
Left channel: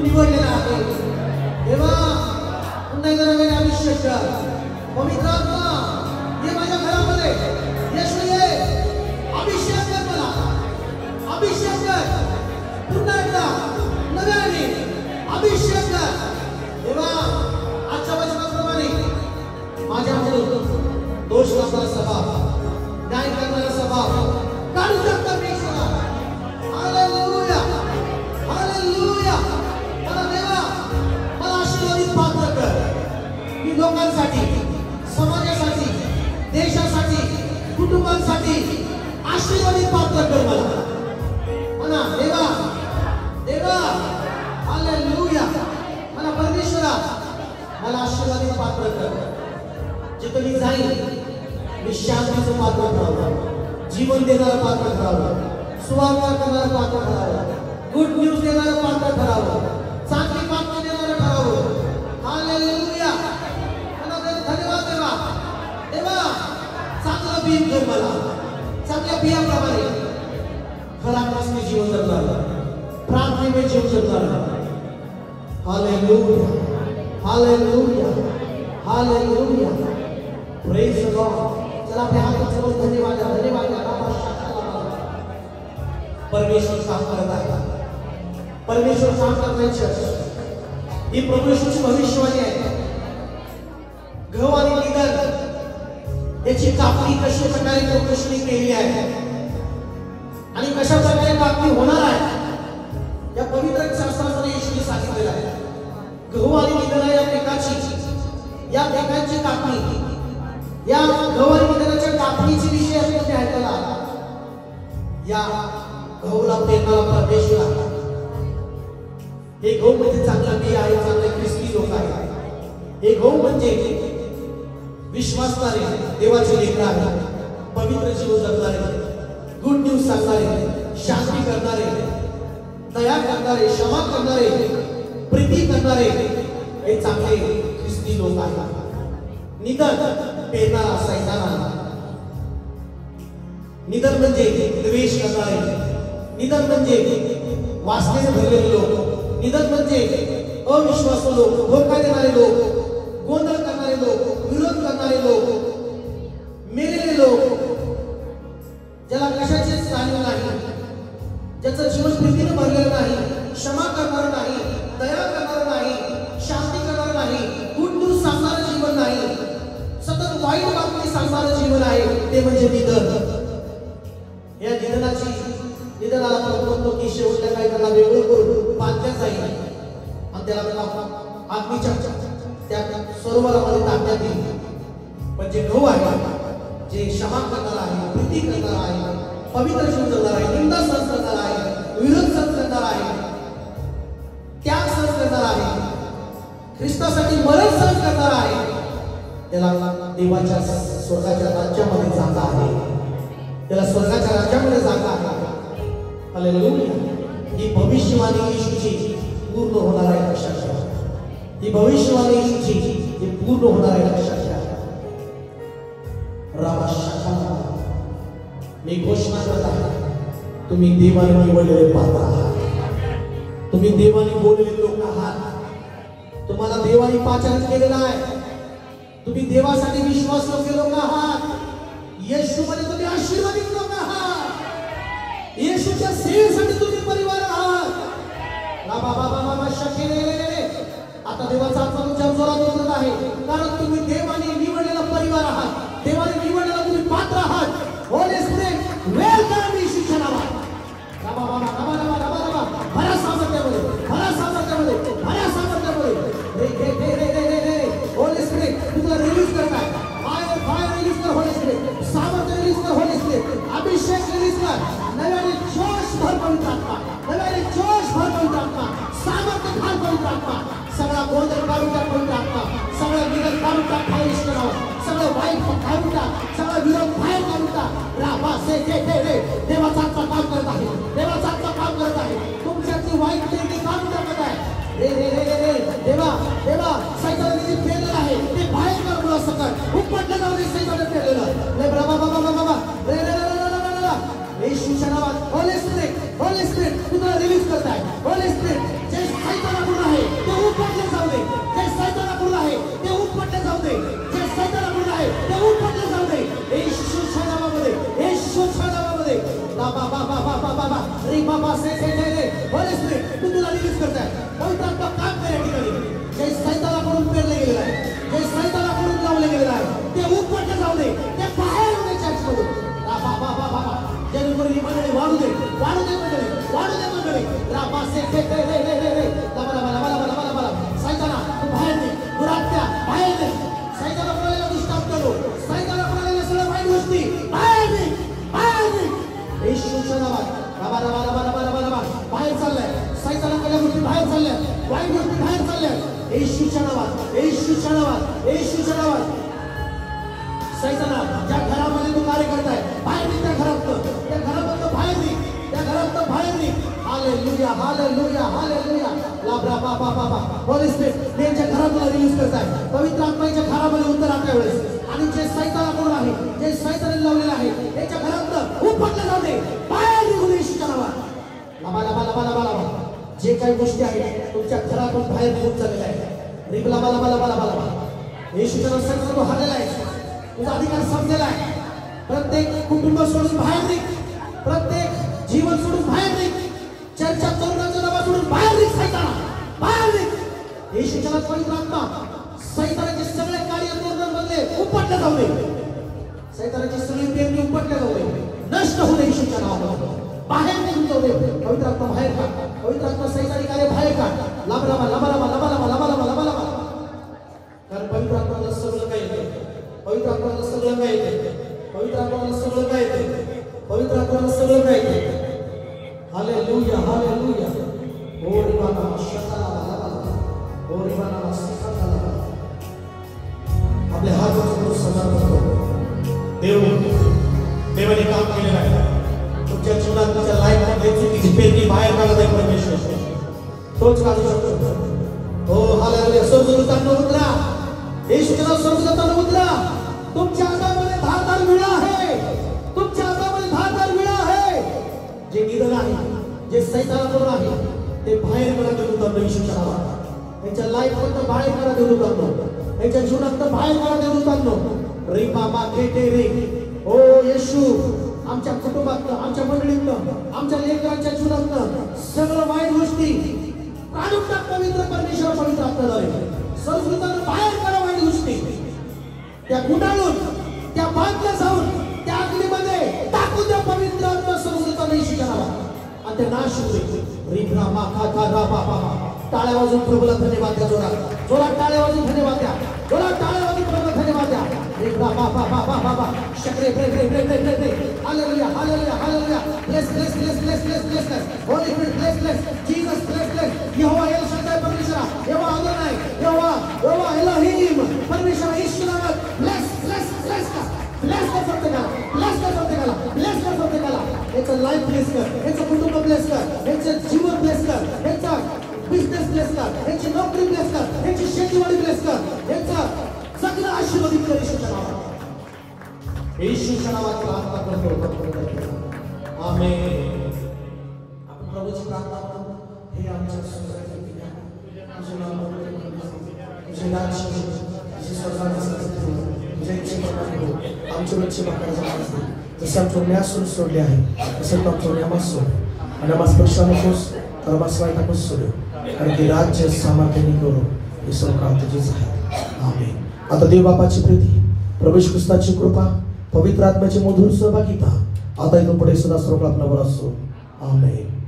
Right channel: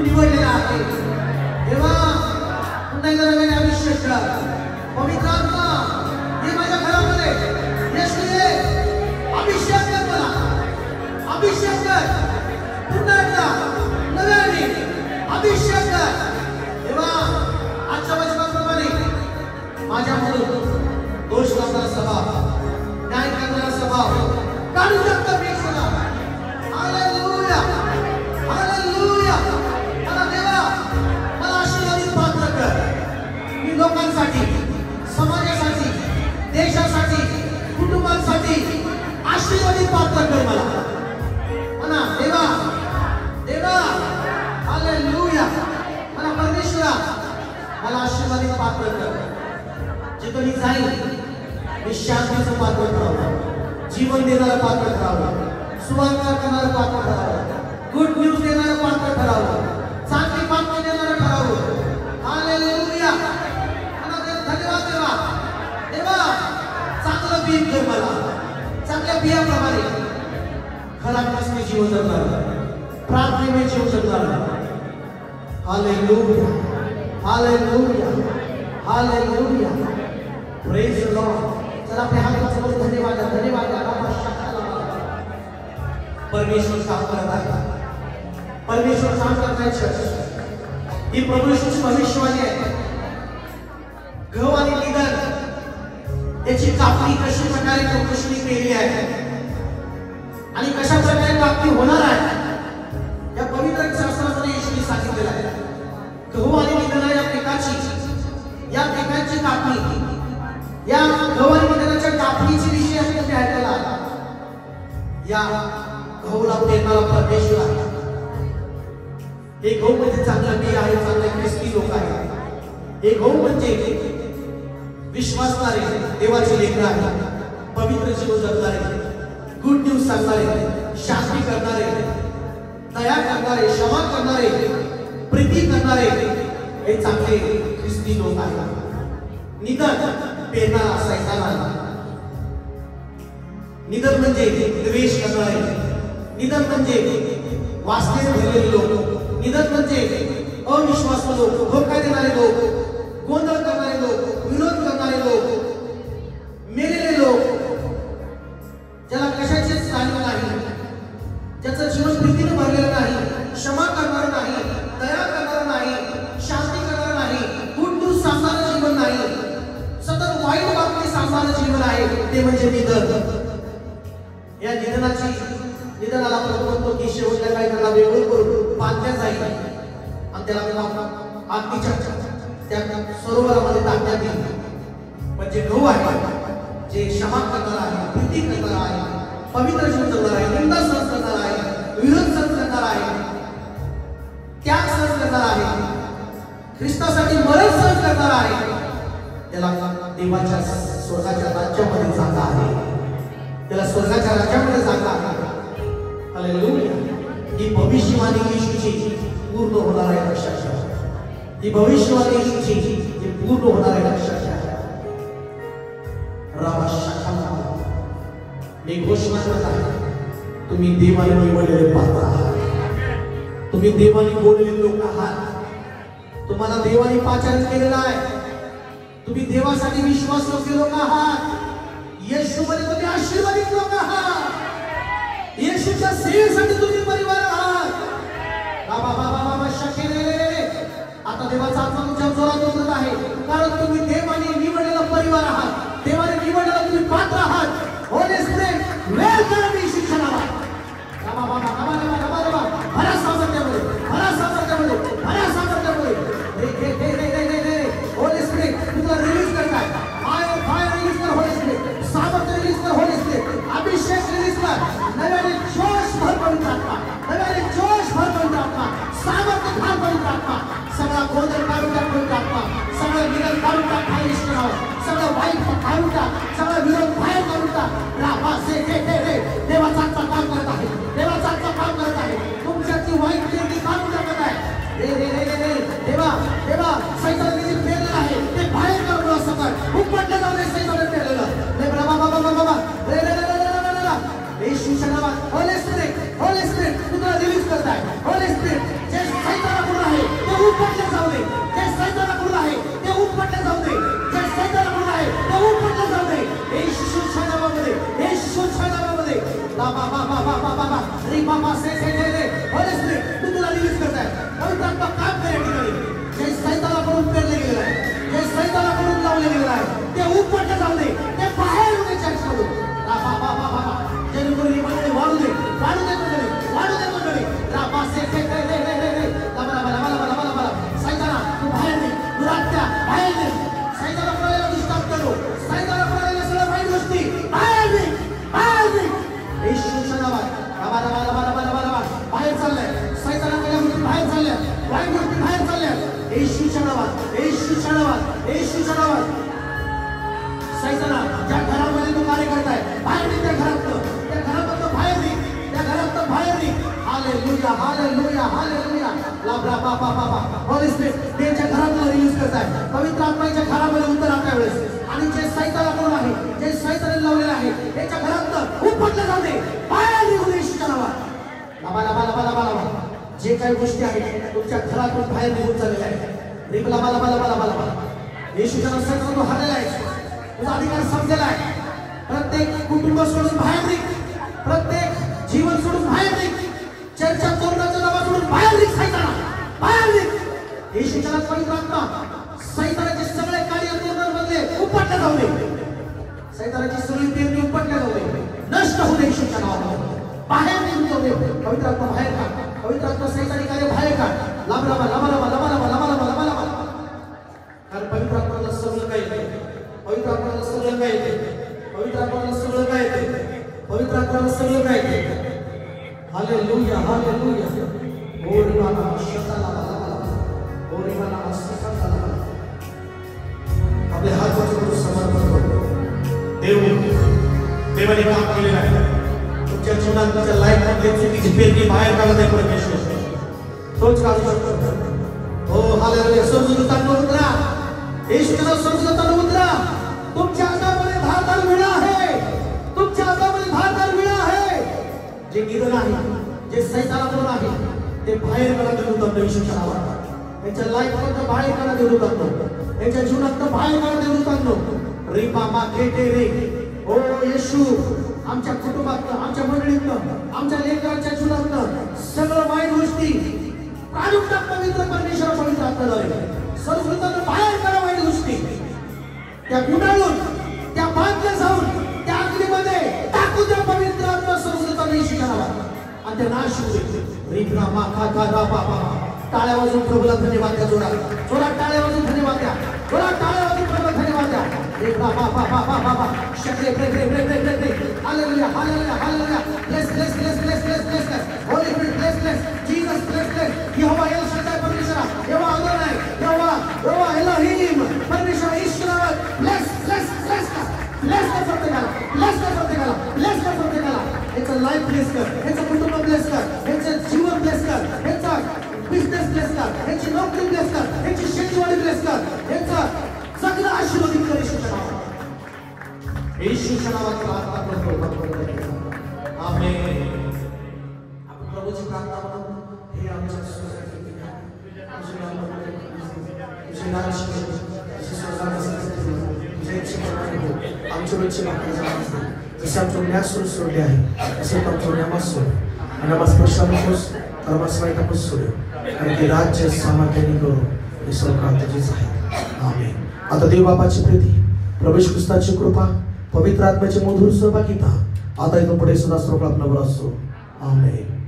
निवडलेला आहे. देवा पुन्हा एकदा नवीन अभिषेक कर. पवित्र आत्मा ये माझ्या घरामध्ये. येशू ये अभिषेक कर मला. अभिषेक कर. पुन्हा एकदा नव्याने अभिषेक कर. देवा आजच्या वचनाप्रमाणे माझ्यामधून दोष करणारा स्वभाव, न्याय करणारा स्वभाव काढून टाक परमेश्वरा. Hallelujah hallelujah. मला देवा मला आशीर्वादित पात्र कर. मी लोकांसाठी, समाजासाठी, देशासाठी, कुटुंबांसाठी आशीर्वादित पात्र कर मला. म्हणा देवा देवा हालेलुया. मला परमेश्वरा मला आशीर्वादित पात्र कर. जिथे मी जाईल मी शांतीचं पात्र ठरावं, जीवन देणारं पात्र ठरावं, सुवार्ता करणारं पात्र ठरावं, गुड न्यूज देणारं पात्र ठरावं, चांगली बातमी देणारं ठरावं. हालेलुया. मला धन्यवाद देवा. देवा चांगलं बी दे मला. चांगल्या बियाप्रमाणे खरा ख्रिस्ती जीवन जगणार, प्रार्थनेने जीवन जगणार. Hallelujah hallelujah hallelujah. Praise the Lord. चला आपल्या हातासमोर धन्यवाद धन्यवाद. परमेश्वर काम करत आहे. परमेश्वर काम करण्याची ही प्रभू येशूची भविष्यवाणी आहे. गहू आणि निधन याची कापणी कशा प्रकारे परमेश्वराने केली आहे आणि कशा प्रकारे कापणी होणार आहे या पवित्र शास्त्रामध्ये येशूने सांगितलेलं आहे. गहू आणि निधन या पिकाची कापणी, या गहू आणि निधनाच्या कापणीची विषय असं तुम्ही ऐकायला. या गहूला पेरणारा परमेश्वर आहे. हे गहू म्हणजे चांगलं बी आहे, चांगले ख्रिस्ती लोक आहेत. हे गहू म्हणजे विश्वासणारे देवाचे लेकरं आहेत, पवित्र जीवन जगणारे, गुड न्यूज सांगणारे, शांती करणारे, दया करणारे, क्षमा करणारे, प्रीती करणारे हे चांगले ख्रिस्ती लोक आहेत. निधन पेरणारा सैतान. निधन म्हणजे द्वेष करणारे, निधन म्हणजे वासनेने भरलेले लोक, निधन म्हणजे अविश्वासू लोक, धोका देणारे लोक, गोंधळ करणारे लोक, विरोध करणारे लोक, मेलेले लोक, ज्याला कशाचीच जाणीव नाही, ज्याचं जीवन प्रीतीने भरलेलं नाही, क्षमा करणार नाही, दया करणार नाही, शांती करणार नाही, गुड न्यूज सांगणारं जीवन नाही, सतत वाईट बातमी सांगणारं जीवन आहे, ते म्हणजे निधन. या निधनाला आपण म्हणतो की शेवटच्या काय त्याला वेगळं करून बांधल्या जाईल आणि त्याला आत्मीच्या त्या सरोवरामध्ये टाकण्यात येईल. पण जे गहू आहे, जे क्षमा करणार आहे, प्रीती करणार आहे, पवित्र जीवन जगणार आहे, निंदा सहन करणार आहे, विरोध सहन करणार आहे, त्याग सहन करणार आहे, ख्रिस्तासाठी मरण सहन करणार आहे, त्याला देवाच्या स्वर्गाच्या राज्यामध्ये जागा आहे. त्याला स्वर्गाच्या राज्यामध्ये जागा आहे. हालेलुया. ही भविष्यवाणी येशूची पूर्ण होणार आहे. लक्षात ठेवा. ही भविष्यवाणी येशूची ही पूर्ण होणार आहे. लक्षात ठेवा. रामाशाखाला मी घोषणा करत आहे, तुम्ही देवाने निवडलेले पात्र आहात. तुम्ही देवाने बोललेले लोक आहात. तुम्हाला देवाने पाचारण केलेला आहे. तुम्ही देवासाठी विश्वास योग्य लोक आहात. येशूमध्ये तुम्ही आशीर्वादित लोक आहात. येशूच्या सेवेसाठी तुम्ही परिवार आहात. आता देवाचा आत्मा तुमच्या जोरात उतरत आहे, कारण तुम्ही देवाने निवडलेला परिवार आहात. देवाने निवडलेला तुम्ही पात्र आहात. होली स्पिरिट वेलकम येशूच्या नावात. भरा सामर्थ्यामुळे, भरा सामर्थ्यामुळे, भरा सामर्थ्यामुळे. होली स्पिरिट तुला रिलीज करताय. फायर रिलीज कर. होली स्पिरिट सामर्थ्य रिलीज कर. होली स्पिरिट अभिषेक रिलीज कर. नव्याने जोश भर येशूच्या नावात सैताना ज्या घरामध्ये तू कार्य करताय बाहेर निघ त्या घरामधनं बाहेर निघ, त्या घरातनं बाहेर निघ. Hallelujah hallelujah hallelujah. लाभला बाबा बाबा होली स्पिरिट त्यांच्या घरामध्ये रिलीज करताय. पवित्र आत्म्याच्या घरामध्ये उतर आता वेळेस आणि जे सैतान कोण आहे, जे सैतान लावलेलं आहे त्याच्या घरातनं उपटलं जाऊ दे, बाहेर निघून येशूच्या नावात. लाभा लाभा लाभा लाभा लाभा. जे काही गोष्टी आहेत तुमच्या घरातून बाहेर निघून चाललेल्या आहेत, निघ लाभा लाभा लाभा लाभा लाभा. येशूच्या नावात तो हरलेला आहे, तुझा अधिकार संपलेला आहे. प्रत्येक कुटुंब सोडून बाहेर निघ, प्रत्येक जीवन सोडून बाहेर निघ, चर्चा चोरण्याचा दबा सोडून बाहेर निघ. सैताना बाहेर निघ. येशूच्या पवित्र आत्मा सैतानाचे सगळे कार्य पूर्णपणे उपटले जाऊ दे, सैतानाची सगळी पेरणी उपटले जाऊ दे, नष्ट होऊ दे. येशूच्या नावात बाहेर निघून जाऊ दे. पवित्र आत्मा बाहेर का, पवित्र आत्मा सैतानी कार्य बाहेर का. लाभ लाभा लाभा लाभा लाभा लाभा लाभा लाभा लाभा लाभा. कारण पवित्र आत्माला सगळं काही येते, पवित्र आत्माला सगळं काय येते, पवित्र आत्माला सगळं काय येते, पवित्र आत्माला सगळं काय येते. Hallelujah hallelujah. ओरी बाबा शताला ओरी बाबा शताला. आपले हात जोडून समर्पण करू. देवाने काम केलेलं आहे तुमच्या जीवनात, तुमच्या लाईफ मध्ये चुकीची पेरणी बाहेर काढत आहे परमेश्वर. तोच काढू शकतो. हो हालेलुया. स्वर्गदूतांनो उतरा, येशूच्या स्वर्गदूतांनो उतरा. तुमच्या हातामध्ये धारदार विळा आहे, तुमच्या हातामध्ये धारदार विळा आहे. जे गिरण आहे, जे सैतानाकडून आहे ते बाहेर काढा देऊ शकतो. येशूच्या नावात त्यांच्या लाईफ मध्ये बाहेर काढा देऊ शकतो, त्यांच्या जीवनात बाहेर काढा देऊ शकतो. रे बाबा केटे रे. ओ येशू, आमच्या कुटुंबात, आमच्या मंडळीत, आमच्या लेकरांच्या जीवनात सगळं वाईट गोष्टी काढून टाक. पवित्र परमेश्वर पवित्र आत्म्याद्वारे सर्वदूतांना बाहेर करा वाईट गोष्टी. त्या गुंडाळून, त्या बांधल्या जाऊन त्या अग्नीमध्ये टाकू द्या. पवित्र आत्मा सर्वदूतांना येशूच्या नावात आणि ते नाश होऊ दे. रिब्रा माखा रा बाबा. टाळ्या वाजून प्रभूला धन्यवाद द्या. जोरात टाळ्या वाजून धन्यवाद द्या. जोरात टाळ्या वाजून प्रभूला धन्यवाद द्या. रिब्रा बाबा बाबा बाबा. शक्रे break break break break break. Hallelujah hallelujah hallelujah. Bless bless bless bless bless bless bless. Holy spirit bless bless. Jesus bless bless. यहोवा एल शद्दाय परमेश्वरा, यहोवा अदोनाय, यहोवा एलोहिम परमेश्वर ईश्वरा. ब्लेस ब्लेस ब्लेस ब्लेस कर प्रत्येकाला, ब्लेस कर प्रत्येकाला, ब्लेस कर प्रत्येकाला. याचं लाईफ ब्लेस कर, याचं कुटुंब ब्लेस कर, याचं जीवन ब्लेस कर, याचा बिझनेस ब्लेस कर, याची नोकरी ब्लेस कर, याची शेतीवाडी ब्लेस कर, याचा सगळं आशीर्वादित कर येशूच्या नावात. येशूच्या नावात प्रार्थना करतो. आमेन. आपण प्रभूची प्रार्थना करू. हे आमच्या आमच्या वेळची जसे आमच्या न्यासून सोडले आहे तसे आमच्या न्यामास नमस्पेक्षानुस कर्मस्वायतापूस सोडू. कारण ते राज्य सामर्थ्याने करू हे सौकांतचीच आहे. आमेन. आता देव बापाची प्रीती, प्रभू येशू ख्रिस्ताची कृपा, पवित्र आत्म्याची मधुर सहभागिता आता इथून पुढे सदा सर्व आपल्यावर असो. आमेन.